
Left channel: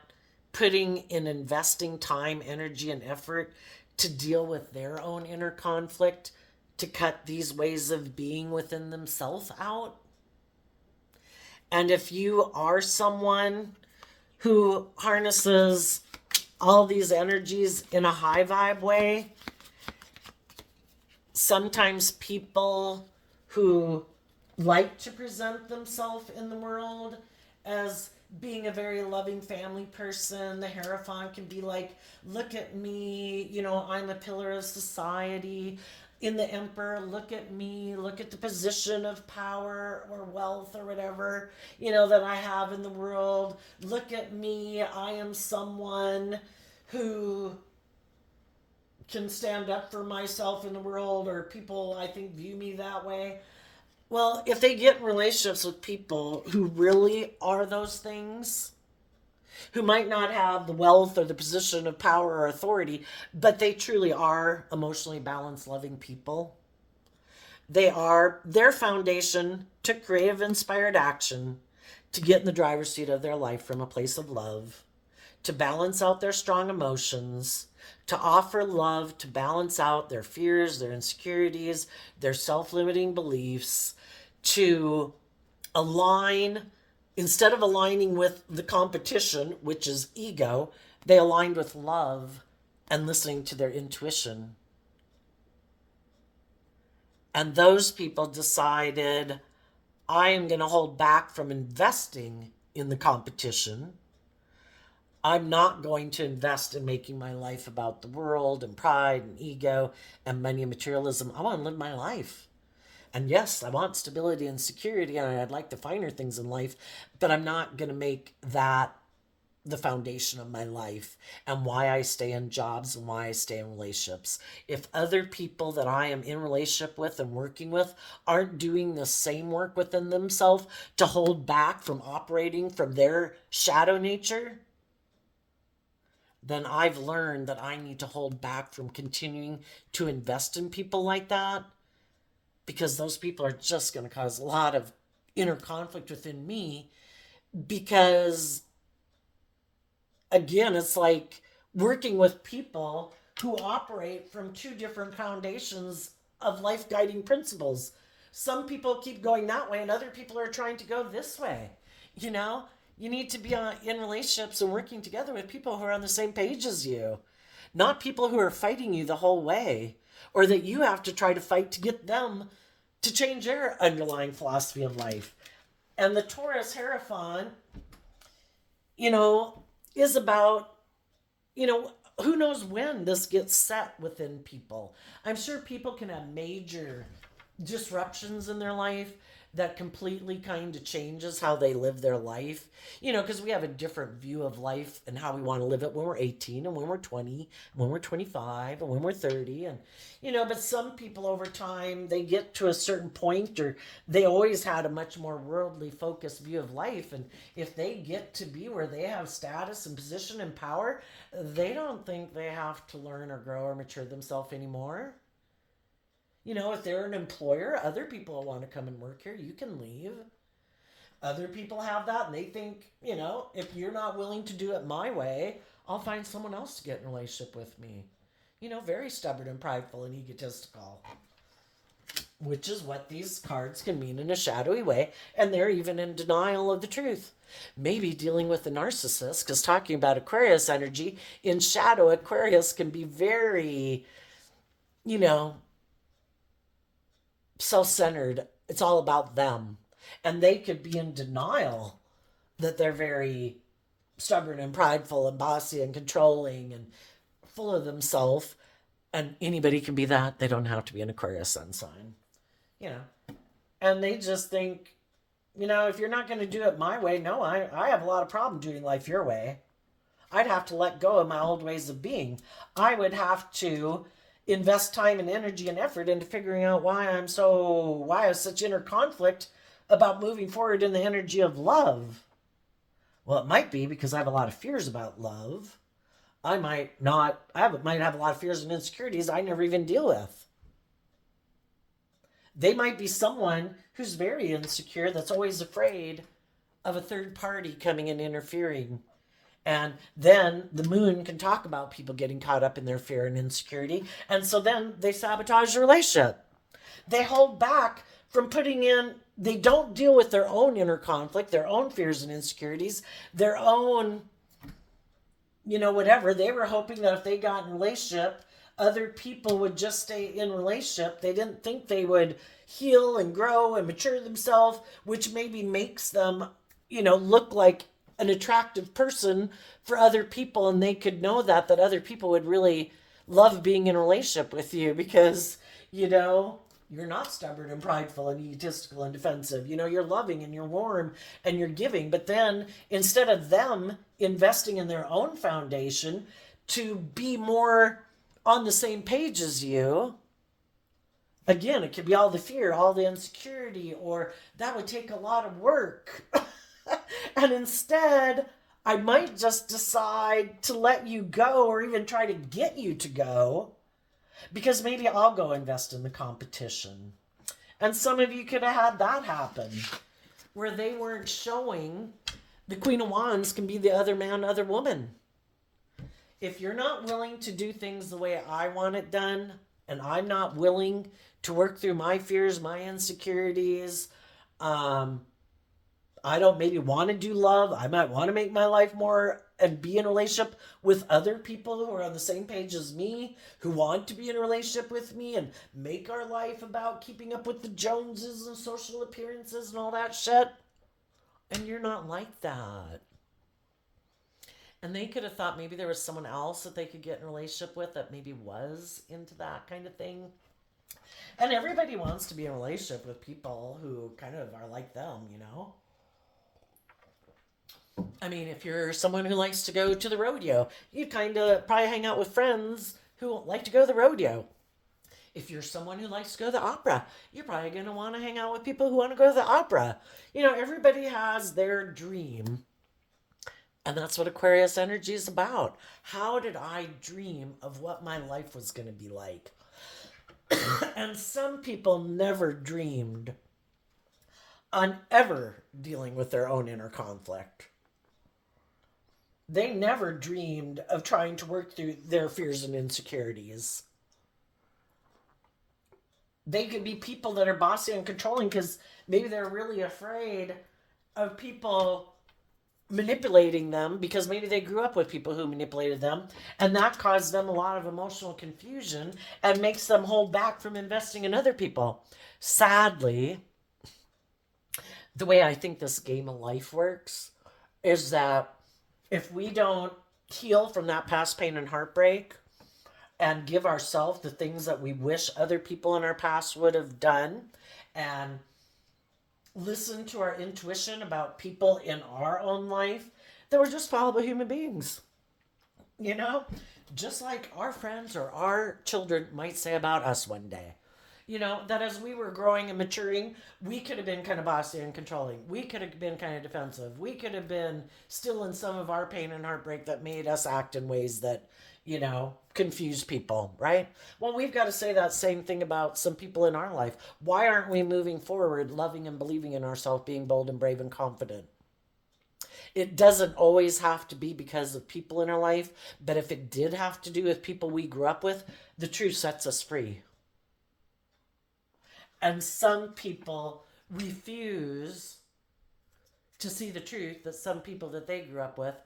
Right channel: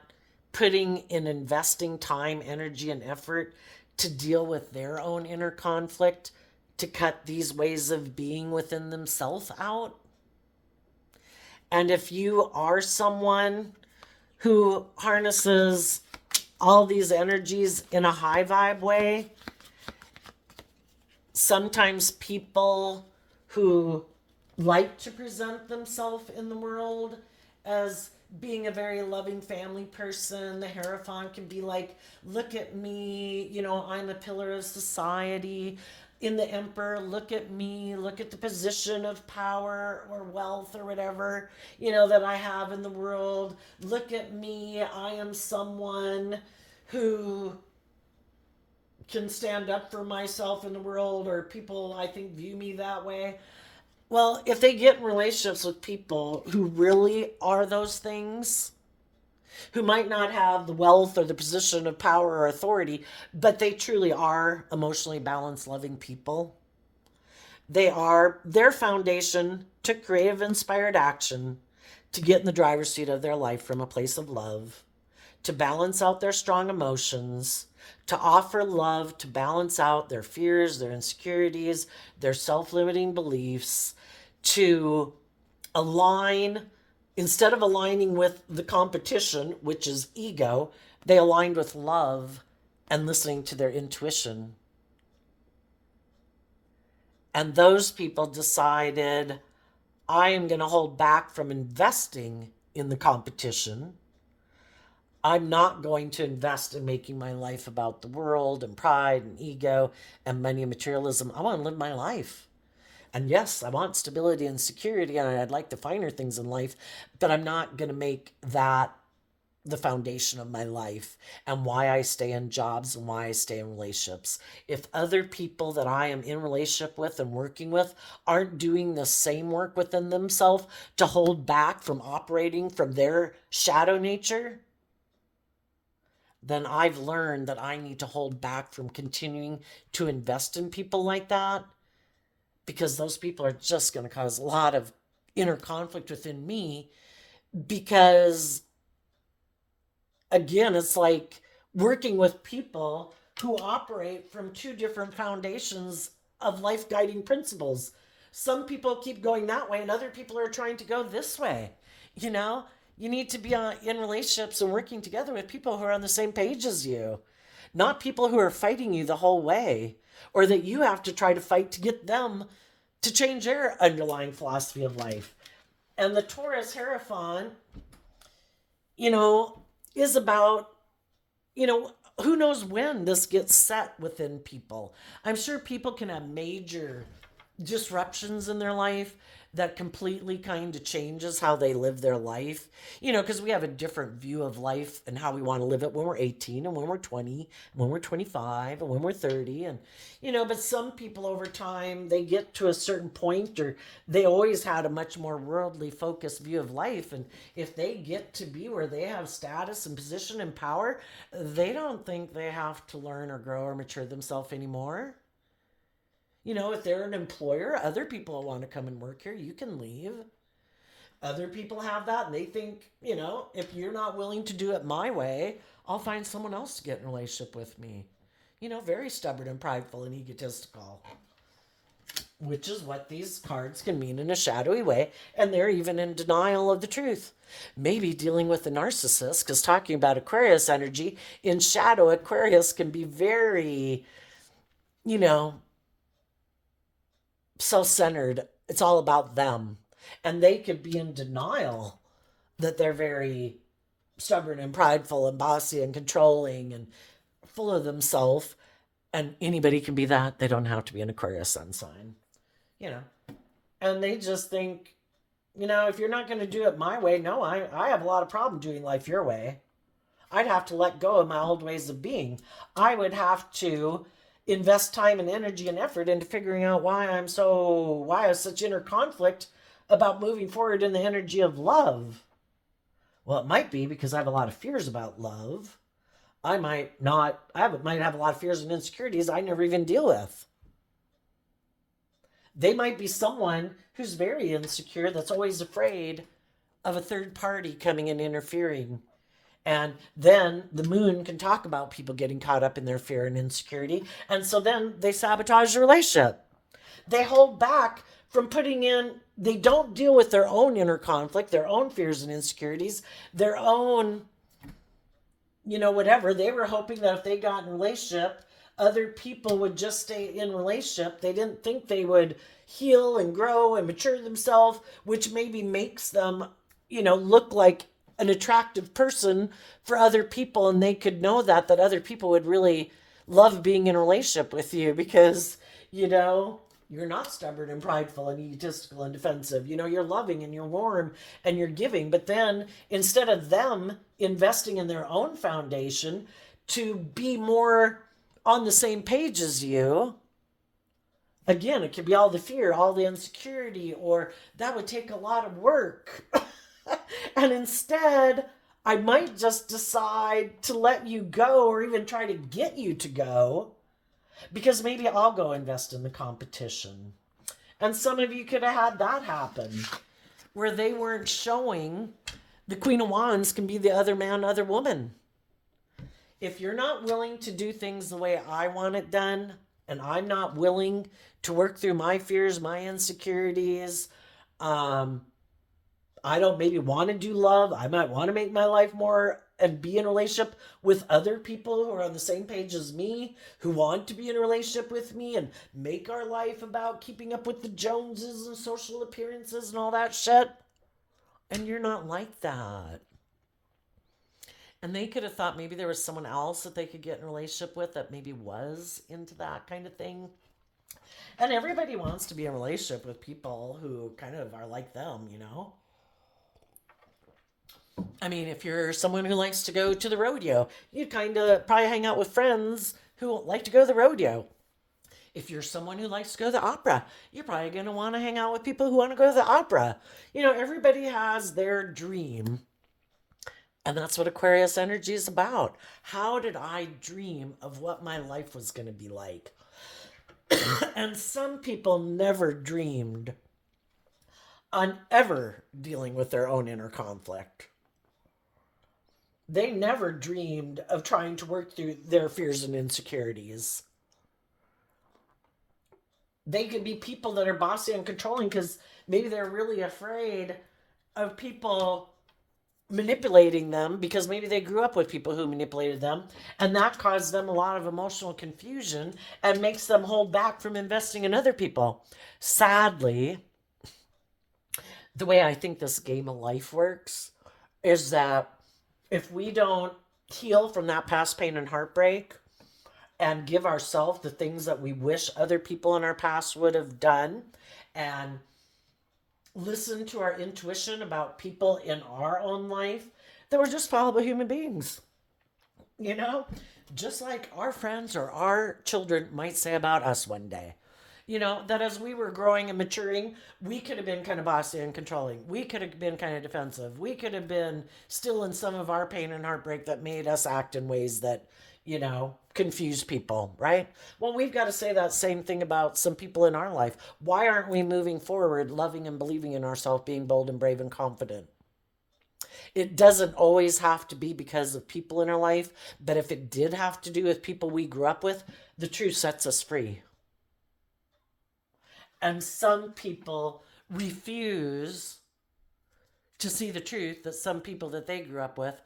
putting in investing time, energy, and effort to deal with their own inner conflict, to cut these ways of being within themselves out. And if you are someone who harnesses all these energies in a high vibe way, sometimes people who like to present themselves in the world as being a very loving family person, the Hierophant can be like, look at me, I'm a pillar of society. In the Emperor, look at me, look at the position of power or wealth or whatever, that I have in the world. Look at me, I am someone who can stand up for myself in the world, or people, I think, view me that way. Well, if they get in relationships with people who really are those things, who might not have the wealth or the position of power or authority, but they truly are emotionally balanced, loving people. They are their foundation to creative, inspired action to get in the driver's seat of their life from a place of love, to balance out their strong emotions, to offer love, to balance out their fears, their insecurities, their self limiting beliefs, to align, instead of aligning with the competition, which is ego, they aligned with love and listening to their intuition. And those people decided, I am going to hold back from investing in the competition. I'm not going to invest in making my life about the world and pride and ego and money and materialism. I want to live my life. And yes, I want stability and security, and I'd like the finer things in life, but I'm not going to make that the foundation of my life and why I stay in jobs and why I stay in relationships. If other people that I am in relationship with and working with aren't doing the same work within themselves to hold back from operating from their shadow nature, then I've learned that I need to hold back from continuing to invest in people like that, because those people are just going to cause a lot of inner conflict within me. Because again, it's like working with people who operate from two different foundations of life guiding principles. Some people keep going that way and other people are trying to go this way. You know, you need to be in relationships and working together with people who are on the same page as you, not people who are fighting you the whole way, or that you have to try to fight to get them to change their underlying philosophy of life. And the Taurus Hierophant, is about, who knows when this gets set within people. I'm sure people can have major disruptions in their life that completely kind of changes how they live their life. Because we have a different view of life and how we want to live it when we're 18 and when we're 20, when we're 25 and when we're 30. And, but some people over time, they get to a certain point, or they always had a much more worldly focused view of life. And if they get to be where they have status and position and power, they don't think they have to learn or grow or mature themselves anymore. If they're an employer, other people want to come and work here, you can leave. Other people have that and they think, if you're not willing to do it my way, I'll find someone else to get in a relationship with me. Very stubborn and prideful and egotistical. Which is what these cards can mean in a shadowy way. And they're even in denial of the truth. Maybe dealing with a narcissist, because talking about Aquarius energy, in shadow, Aquarius can be very, self-centered. It's all about them. And they could be in denial that they're very stubborn and prideful and bossy and controlling and full of themselves. And anybody can be that. They don't have to be an Aquarius sun sign. And they just think, if you're not going to do it my way, no, I have a lot of problem doing life your way. I'd have to let go of my old ways of being. I would have to invest time and energy and effort into figuring out why I have such inner conflict about moving forward in the energy of love. Well, it might be because I have a lot of fears about love. I might have a lot of fears and insecurities I never even deal with. They might be someone who's very insecure, that's always afraid of a third party coming and interfering. And then the moon can talk about people getting caught up in their fear and insecurity. And so then they sabotage the relationship. They hold back from they don't deal with their own inner conflict, their own fears and insecurities, their own, whatever. They were hoping that if they got in a relationship, other people would just stay in relationship. They didn't think they would heal and grow and mature themselves, which maybe makes them, look like an attractive person for other people, and they could know that other people would really love being in a relationship with you because, you're not stubborn and prideful and egotistical and defensive. You're loving and you're warm and you're giving. But then instead of them investing in their own foundation to be more on the same page as you, again, it could be all the fear, all the insecurity, or that would take a lot of work. And instead I might just decide to let you go or even try to get you to go because maybe I'll go invest in the competition. And some of you could have had that happen where they weren't showing the Queen of Wands can be the other man, other woman. If you're not willing to do things the way I want it done, and I'm not willing to work through my fears, my insecurities, I don't maybe want to do love. I might want to make my life more and be in a relationship with other people who are on the same page as me, who want to be in a relationship with me and make our life about keeping up with the Joneses and social appearances and all that shit. And you're not like that. And they could have thought maybe there was someone else that they could get in a relationship with that maybe was into that kind of thing. And everybody wants to be in a relationship with people who kind of are like them, you know? I mean, if you're someone who likes to go to the rodeo, you kind of probably hang out with friends who like to go to the rodeo. If you're someone who likes to go to the opera, you're probably going to want to hang out with people who want to go to the opera. You know, everybody has their dream. And that's what Aquarius energy is about. How did I dream of what my life was going to be like? And some people never dreamed on ever dealing with their own inner conflict. They never dreamed of trying to work through their fears and insecurities. They could be people that are bossy and controlling because maybe they're really afraid of people manipulating them because maybe they grew up with people who manipulated them, and that caused them a lot of emotional confusion and makes them hold back from investing in other people. Sadly, the way I think this game of life works is that if we don't heal from that past pain and heartbreak and give ourselves the things that we wish other people in our past would have done and listen to our intuition about people in our own life, that we're just fallible human beings. You know, just like our friends or our children might say about us one day. You know, that as we were growing and maturing, we could have been kind of bossy and controlling. We could have been kind of defensive. We could have been still in some of our pain and heartbreak that made us act in ways that, you know, confuse people, right? Well, we've got to say that same thing about some people in our life. Why aren't we moving forward, loving and believing in ourselves, being bold and brave and confident? It doesn't always have to be because of people in our life, but if it did have to do with people we grew up with, the truth sets us free. And some people refuse to see the truth that some people that they grew up with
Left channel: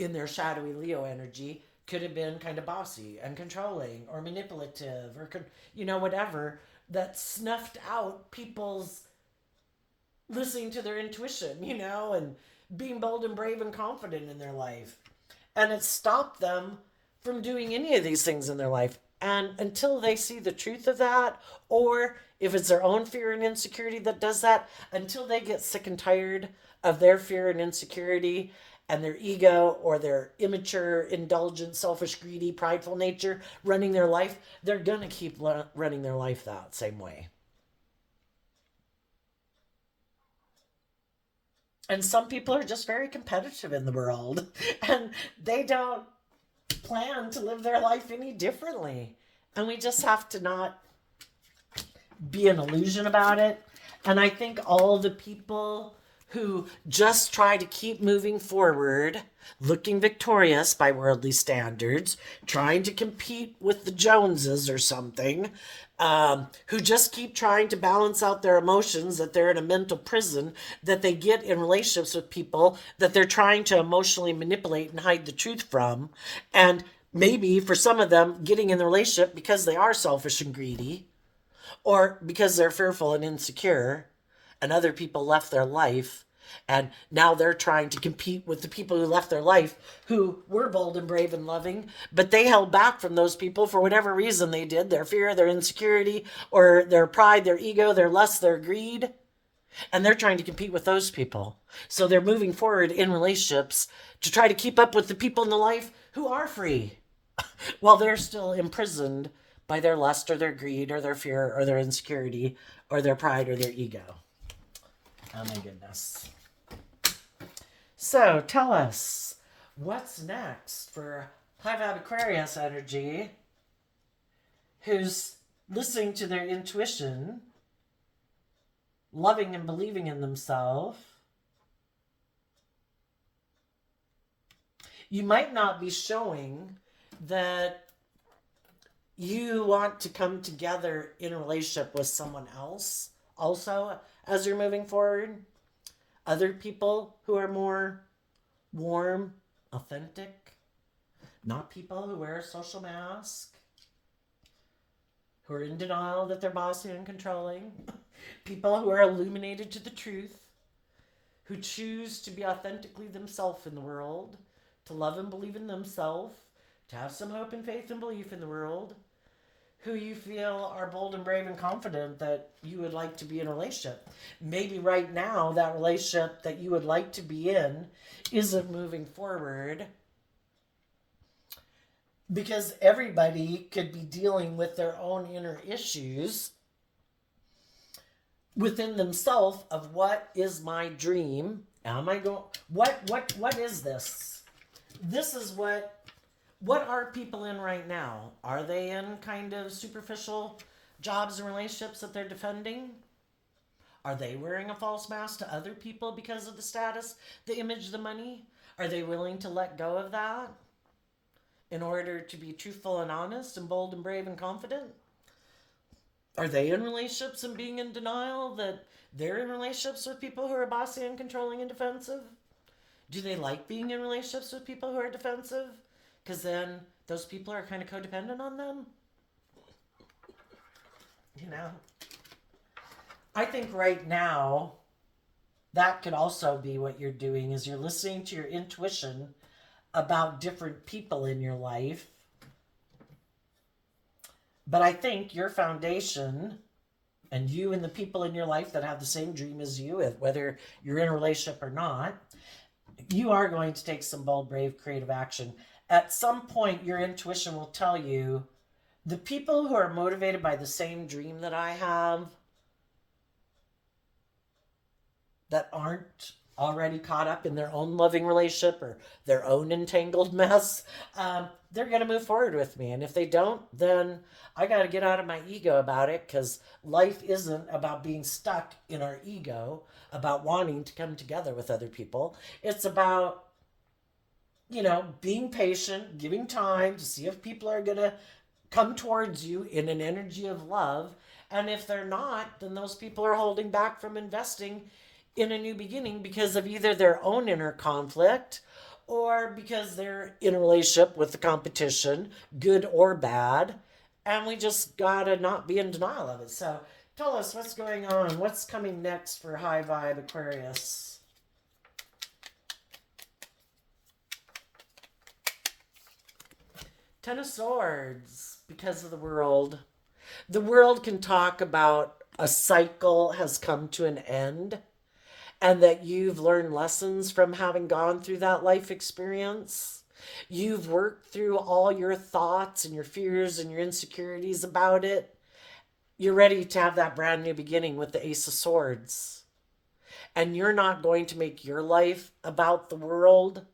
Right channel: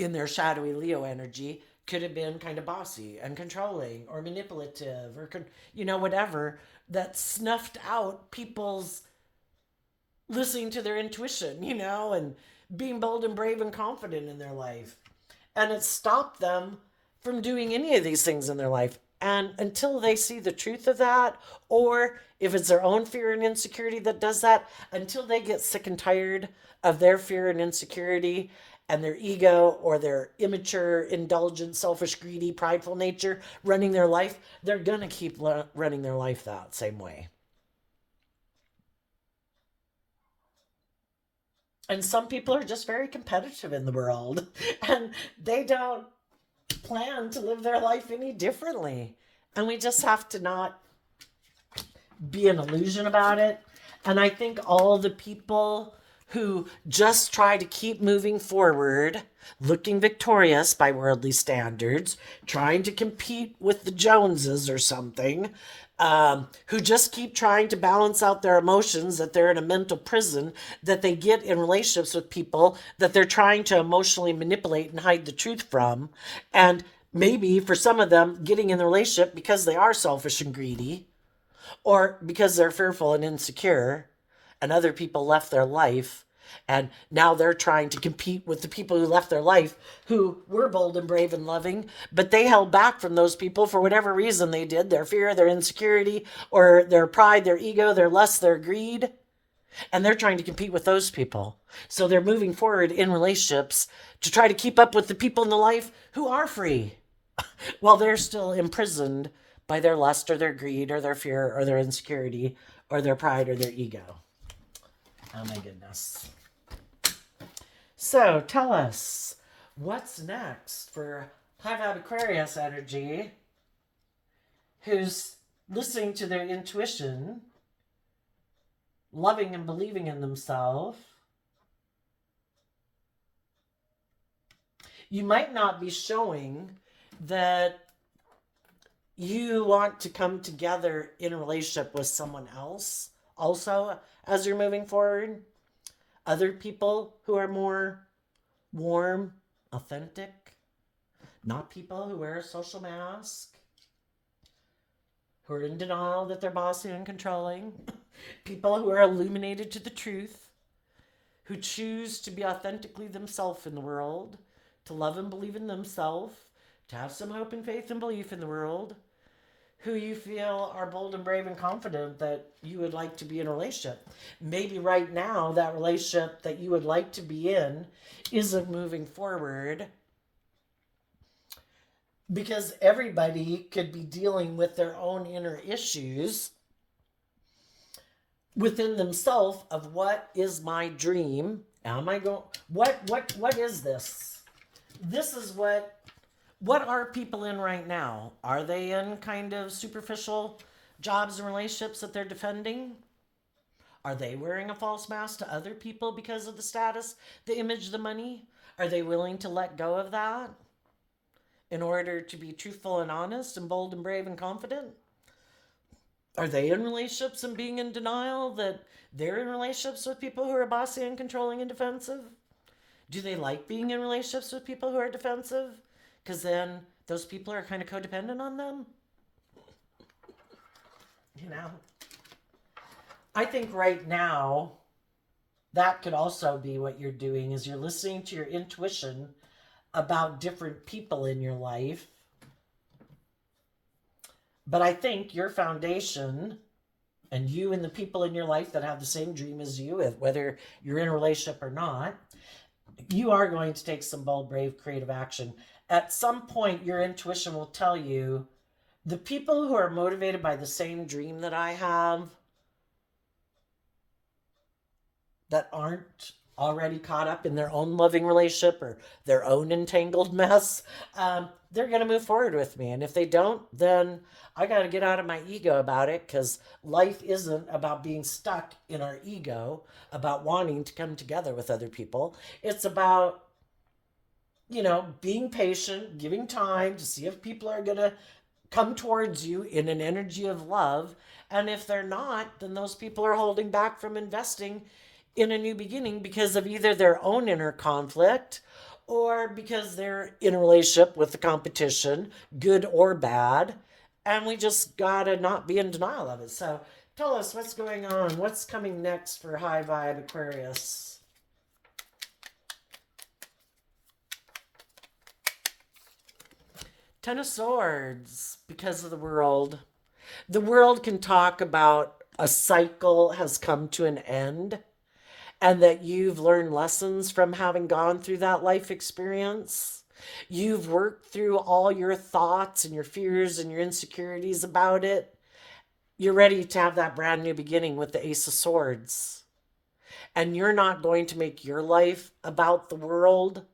in their shadowy Leo energy could have been kind of bossy and controlling or manipulative or, you know, whatever, that snuffed out people's listening to their intuition, you know, and being bold and brave and confident in their life. And it stopped them from doing any of these things in their life. And until they see the truth of that, or if it's their own fear and insecurity that does that, until they get sick and tired of their fear and insecurity and their ego or their immature, indulgent, selfish, greedy, prideful nature running their life, they're going to keep running their life that same way. And some people are just very competitive in the world, and they don't plan to live their life any differently. And we just have to not be an illusion about it. And I think all the people who just try to keep moving forward, looking victorious by worldly standards, trying to compete with the Joneses or something, who just keep trying to balance out their emotions, that they're in a mental prison, that they get in relationships with people that they're trying to emotionally manipulate and hide the truth from. And maybe for some of them, getting in the relationship because they are selfish and greedy, or because they're fearful and insecure, and other people left their life, and now they're trying to compete with the people who left their life, who were bold and brave and loving, but they held back from those people for whatever reason they did, their fear, their insecurity, or their pride, their ego, their lust, their greed, and they're trying to compete with those people. So they're moving forward in relationships to try to keep up with the people in the life who are free, while they're still imprisoned by their lust or their greed or their fear or their insecurity or their pride or their ego. Oh my goodness. So tell us, what's next for High Vibe Aquarius energy who's listening to their intuition, loving and believing in themselves? You might not be showing that you want to come together in a relationship with someone else also as you're moving forward. Other people who are more warm, authentic, not people who wear a social mask, who are in denial that they're bossy and controlling, people who are illuminated to the truth, who choose to be authentically themselves in the world, to love and believe in themselves, to have some hope and faith and belief in the world, who you feel are bold and brave and confident that you would like to be in a relationship. Maybe right now that relationship that you would like to be in isn't moving forward because everybody could be dealing with their own inner issues within themselves of what is my dream? Am I going, what is this? This is what are people in right now? Are they in kind of superficial jobs and relationships that they're defending? Are they wearing a false mask to other people because of the status, the image, the money? Are they willing to let go of that in order to be truthful and honest and bold and brave and confident? Are they in relationships and being in denial that they're in relationships with people who are bossy and controlling and defensive? Do they like being in relationships with people who are defensive? Because then those people are kind of codependent on them. You know? I think right now, that could also be what you're doing is you're listening to your intuition about different people in your life. But I think your foundation and you and the people in your life that have the same dream as you, whether you're in a relationship or not, you are going to take some bold, brave, creative action. At some point, your intuition will tell you the people who are motivated by the same dream that I have, that aren't already caught up in their own loving relationship or their own entangled mess, they're going to move forward with me. And if they don't, then I got to get out of my ego about it, because life isn't about being stuck in our ego, about wanting to come together with other people. It's about, being patient, giving time to see if people are going to come towards you in an energy of love. And if they're not, then those people are holding back from investing in a new beginning because of either their own inner conflict or because they're in a relationship with the competition, good or bad. And we just gotta not be in denial of it. So tell us what's going on. What's coming next for High Vibe Aquarius? Ten of Swords, because of the world. The world can talk about a cycle has come to an end and that you've learned lessons from having gone through that life experience. You've worked through all your thoughts and your fears and your insecurities about it. You're ready to have that brand new beginning with the Ace of Swords. And you're not going to make your life about the world.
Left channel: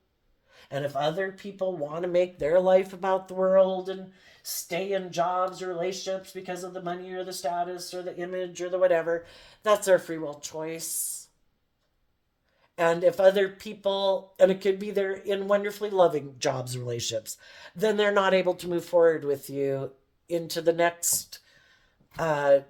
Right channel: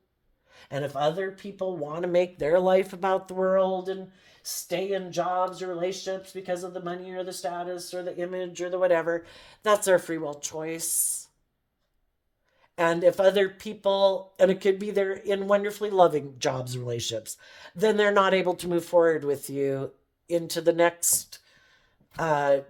And if other people want to make their life about the world and stay in jobs or relationships because of the money or the status or the image or the whatever, that's their free will choice. And if other people, and it could be they're in wonderfully loving jobs and relationships, then they're not able to move forward with you into the next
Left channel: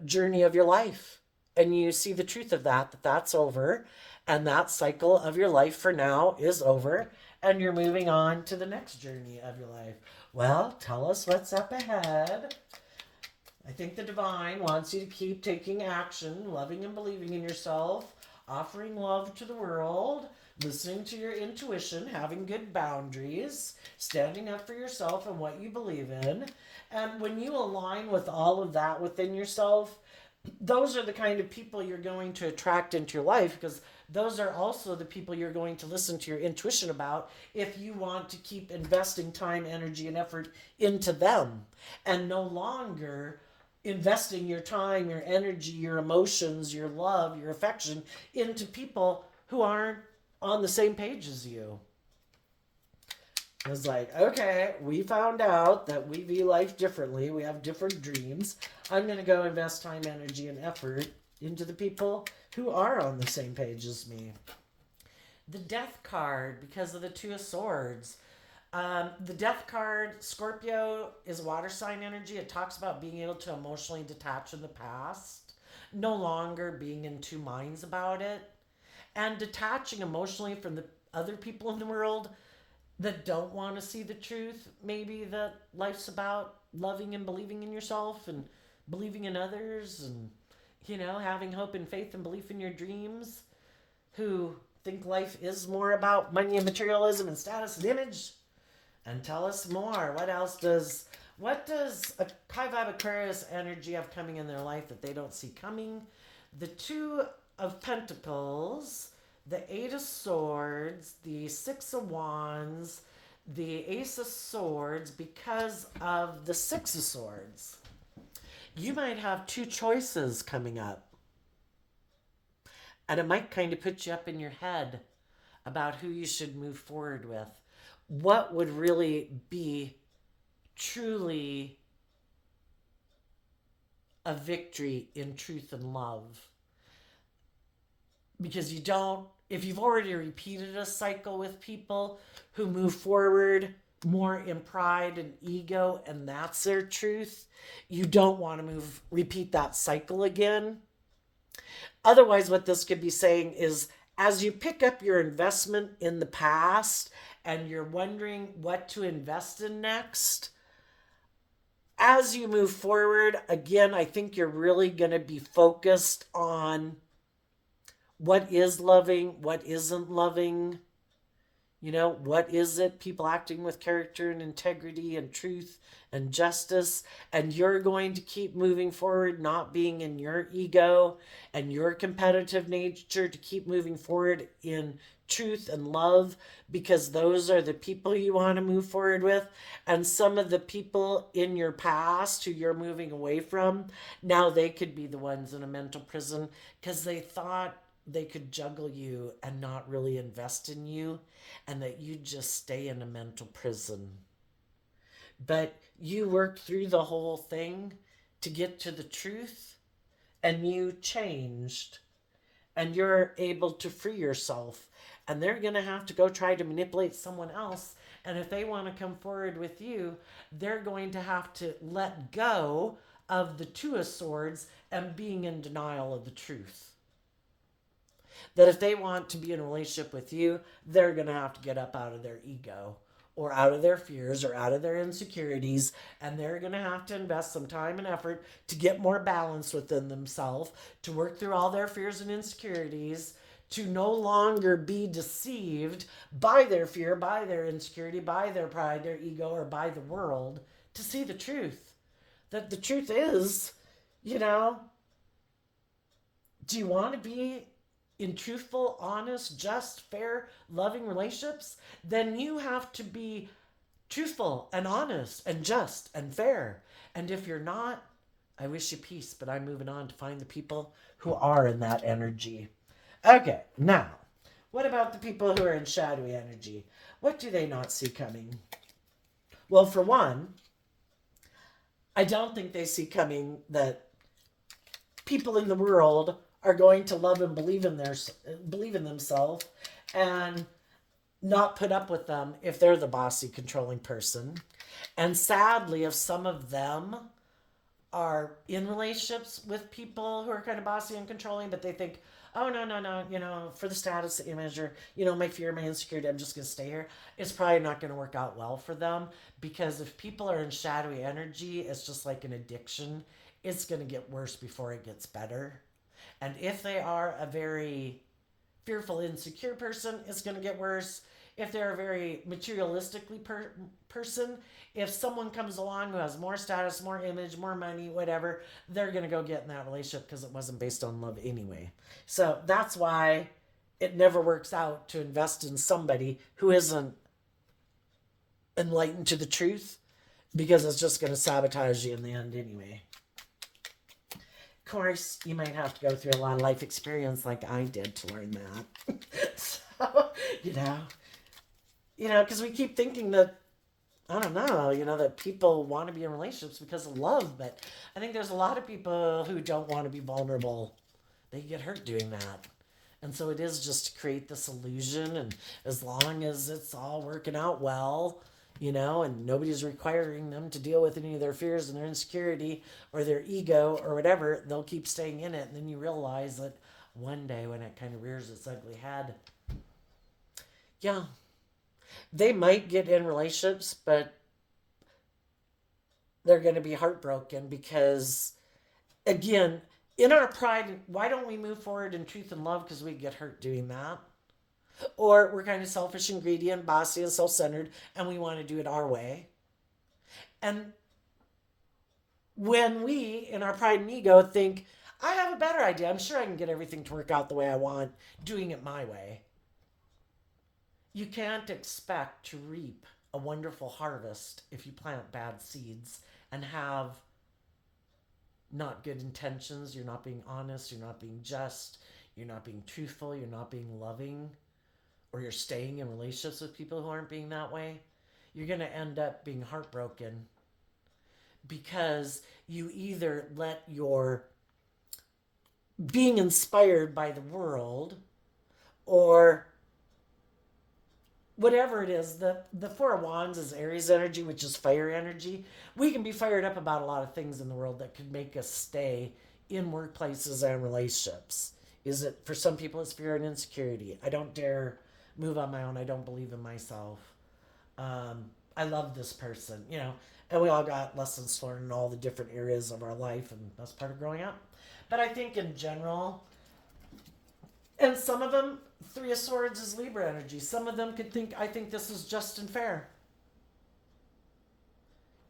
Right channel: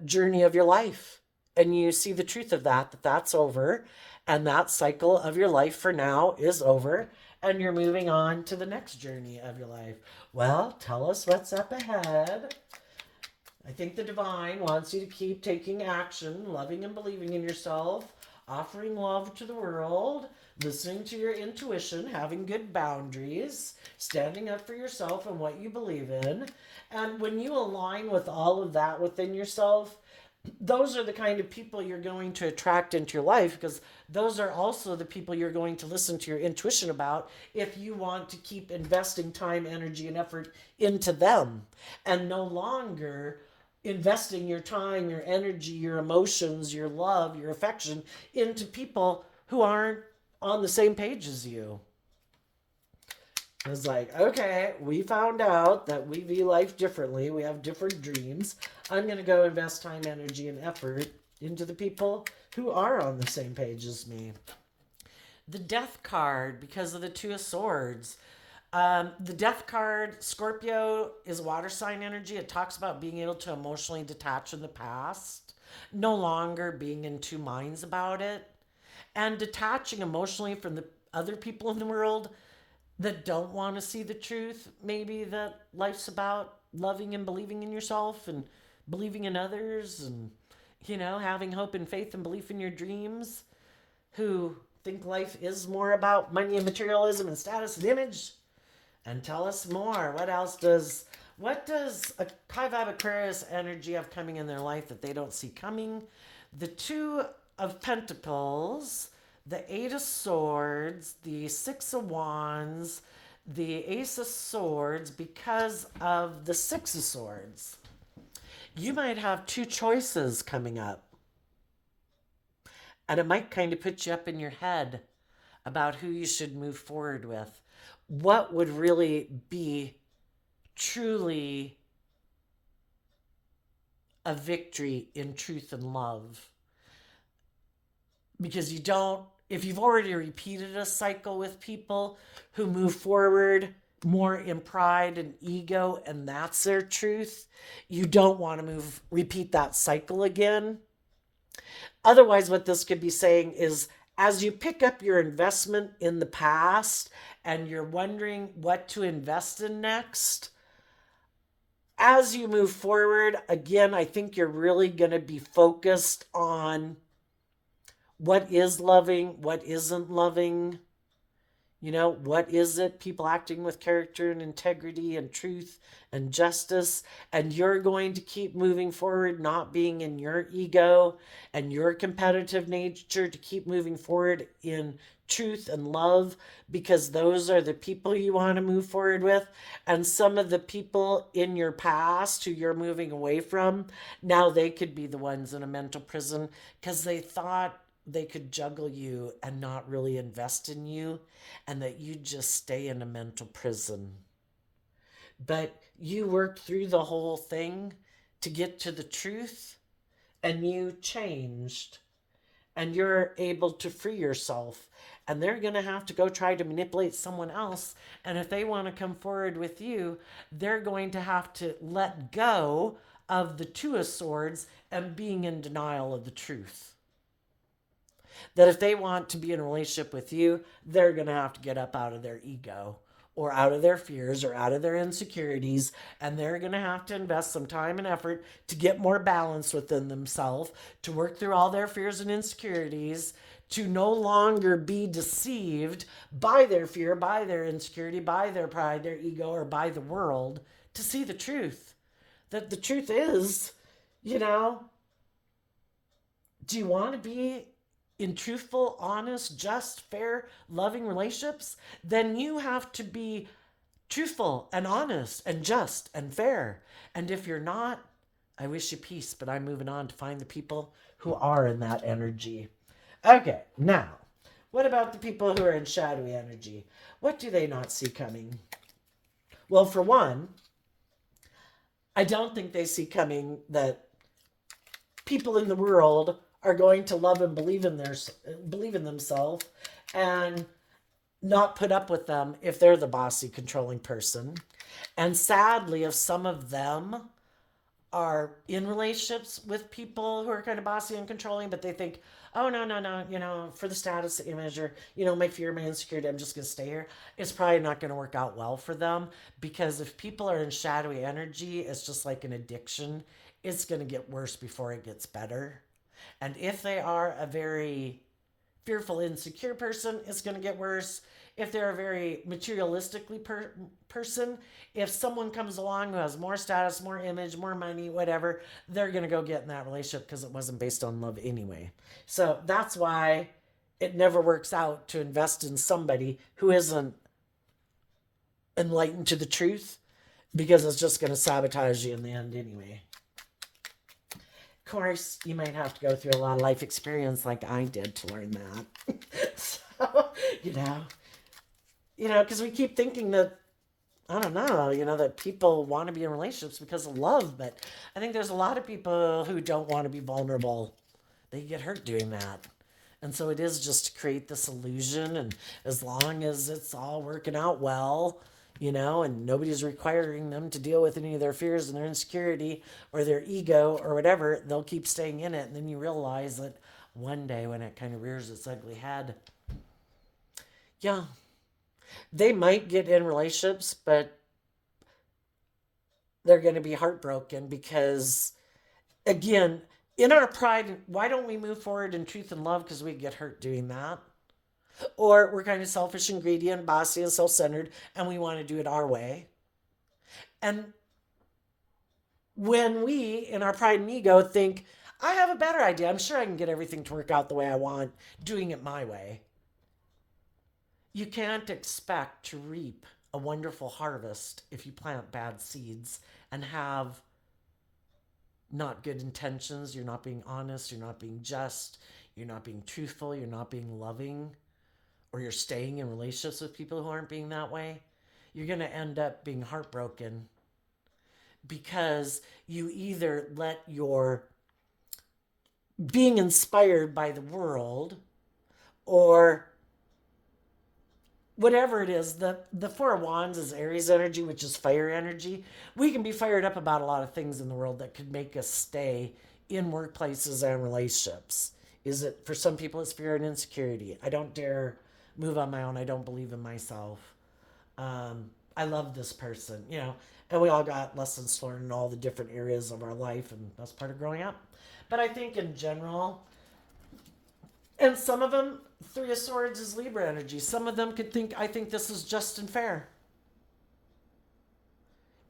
journey of your life. And you see the truth of that's over. And that cycle of your life for now is over. And you're moving on to the next journey of your life. Well, tell us what's up ahead. I think the divine wants you to keep taking action, loving and believing in yourself, offering love to the world, listening to your intuition, having good boundaries, standing up for yourself and what you believe in. And when you align with all of that within yourself, those are the kind of people you're going to attract into your life, because those are also the people you're going to listen to your intuition about if you want to keep investing time, energy, and effort into them, and no longer investing your time, your energy, your emotions, your love, your affection into people who aren't on the same page as you. It's like, okay, we found out that we view life differently. We have different dreams. I'm going to go invest time, energy, and effort into the people who are on the same page as me. The Death card, because of the Two of Swords. The Death card, Scorpio, is water sign energy. It talks about being able to emotionally detach from the past, no longer being in two minds about it, and detaching emotionally from the other people in the world that don't want to see the truth. Maybe that life's about loving and believing in yourself and believing in others and, having hope and faith and belief in your dreams, who think life is more about money and materialism and status and image. And tell us more. What does a high vibe Aquarius energy have coming in their life that they don't see coming? The Two of Pentacles, the Eight of Swords, the Six of Wands, the Ace of Swords, because of the Six of Swords. You might have two choices coming up. And it might kind of put you up in your head about who you should move forward with. What would really be truly a victory in truth and love? Because if you've already repeated a cycle with people who move forward more in pride and ego, and that's their truth, you don't want to repeat that cycle again. Otherwise, what this could be saying is, as you pick up your investment in the past and you're wondering what to invest in next, as you move forward, again, I think you're really going to be focused on what is loving, what isn't loving. What is it? People acting with character and integrity and truth and justice. And you're going to keep moving forward, not being in your ego and your competitive nature, to keep moving forward in truth and love, because those are the people you want to move forward with. And some of the people in your past who you're moving away from, now they could be the ones in a mental prison because they thought they could juggle you and not really invest in you, and that you just stay in a mental prison. But you worked through the whole thing to get to the truth, and you changed, and you're able to free yourself. And they're going to have to go try to manipulate someone else. And if they want to come forward with you, they're going to have to let go of the Two of Swords and being in denial of the truth. That if they want to be in a relationship with you, they're going to have to get up out of their ego or out of their fears or out of their insecurities, and they're going to have to invest some time and effort to get more balance within themselves, to work through all their fears and insecurities, to no longer be deceived by their fear, by their insecurity, by their pride, their ego, or by the world, to see the truth. That the truth is, do you want to be in truthful, honest, just, fair, loving relationships? Then you have to be truthful and honest and just and fair. And if you're not, I wish you peace, but I'm moving on to find the people who are in that energy. Okay, now, what about the people who are in shadowy energy? What do they not see coming? Well, for one, I don't think they see coming that people in the world are going to love and believe in themselves and not put up with them if they're the bossy, controlling person. And sadly, if some of them are in relationships with people who are kind of bossy and controlling, but they think, oh, no, for the status image, or, my fear, my insecurity, I'm just going to stay here, it's probably not going to work out well for them. Because if people are in shadowy energy, it's just like an addiction. It's going to get worse before it gets better. And if they are a very fearful, insecure person, it's going to get worse. If they're a very materialistically person, if someone comes along who has more status, more image, more money, whatever, they're going to go get in that relationship because it wasn't based on love anyway. So that's why it never works out to invest in somebody who isn't enlightened to the truth, because it's just going to sabotage you in the end anyway. Of course, you might have to go through a lot of life experience like I did to learn that. you know, because we keep thinking that, I don't know, that people want to be in relationships because of love, but I think there's a lot of people who don't want to be vulnerable. They get hurt doing that. And so it is just to create this illusion, and as long as it's all working out well, and nobody's requiring them to deal with any of their fears and their insecurity or their ego or whatever, they'll keep staying in it. And then you realize that one day when it kind of rears its ugly head, yeah, they might get in relationships, but they're going to be heartbroken because, again, in our pride, why don't we move forward in truth and love? Because we get hurt doing that. Or we're kind of selfish and greedy and bossy and self centered, and we want to do it our way. And when we, in our pride and ego, think, I have a better idea, I'm sure I can get everything to work out the way I want, doing it my way, you can't expect to reap a wonderful harvest if you plant bad seeds and have not good intentions. You're not being honest, you're not being just, you're not being truthful, you're not being loving, or you're staying in relationships with people who aren't being that way. You're going to end up being heartbroken because you either let your being inspired by the world, or whatever it is. The Four of Wands is Aries energy, which is fire energy. We can be fired up about a lot of things in the world that could make us stay in workplaces and relationships. Is it, for some people, it's fear and insecurity. I don't dare move on my own. I don't believe in myself. I love this person, and we all got lessons to learn in all the different areas of our life, and that's part of growing up. But I think in general, and some of them, Three of Swords is Libra energy. Some of them could think, I think this is just and fair.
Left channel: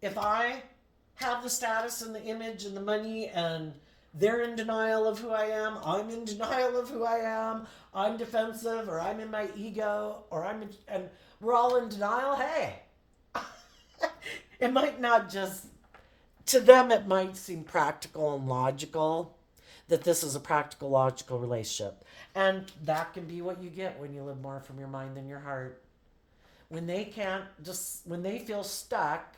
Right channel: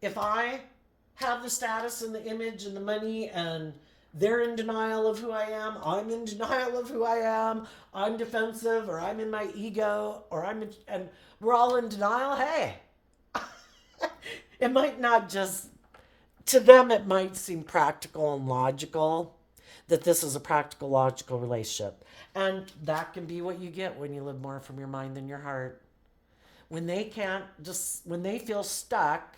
If I have the status and the image and the money, and they're in denial of who I am, I'm in denial of who I am, I'm defensive, or I'm in my ego, and we're all in denial, hey. It might not just, to them it might seem practical and logical, that this is a practical, logical relationship. And that can be what you get when you live more from your mind than your heart. When they feel stuck,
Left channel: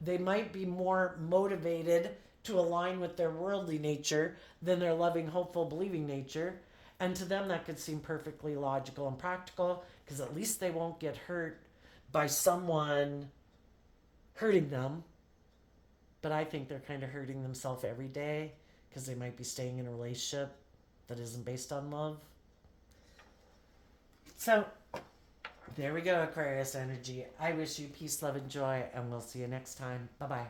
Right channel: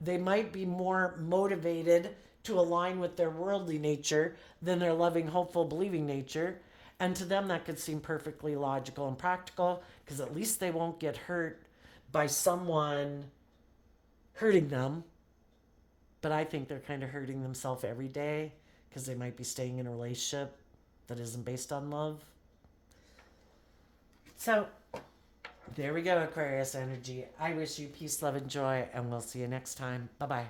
they might be more motivated to align with their worldly nature than their loving, hopeful, believing nature. And to them, that could seem perfectly logical and practical, because at least they won't get hurt by someone hurting them. But I think they're kind of hurting themselves every day, because they might be staying in a relationship that isn't based on love. So, there we go, Aquarius energy. I wish you peace, love, and joy, and we'll see you next time. Bye-bye.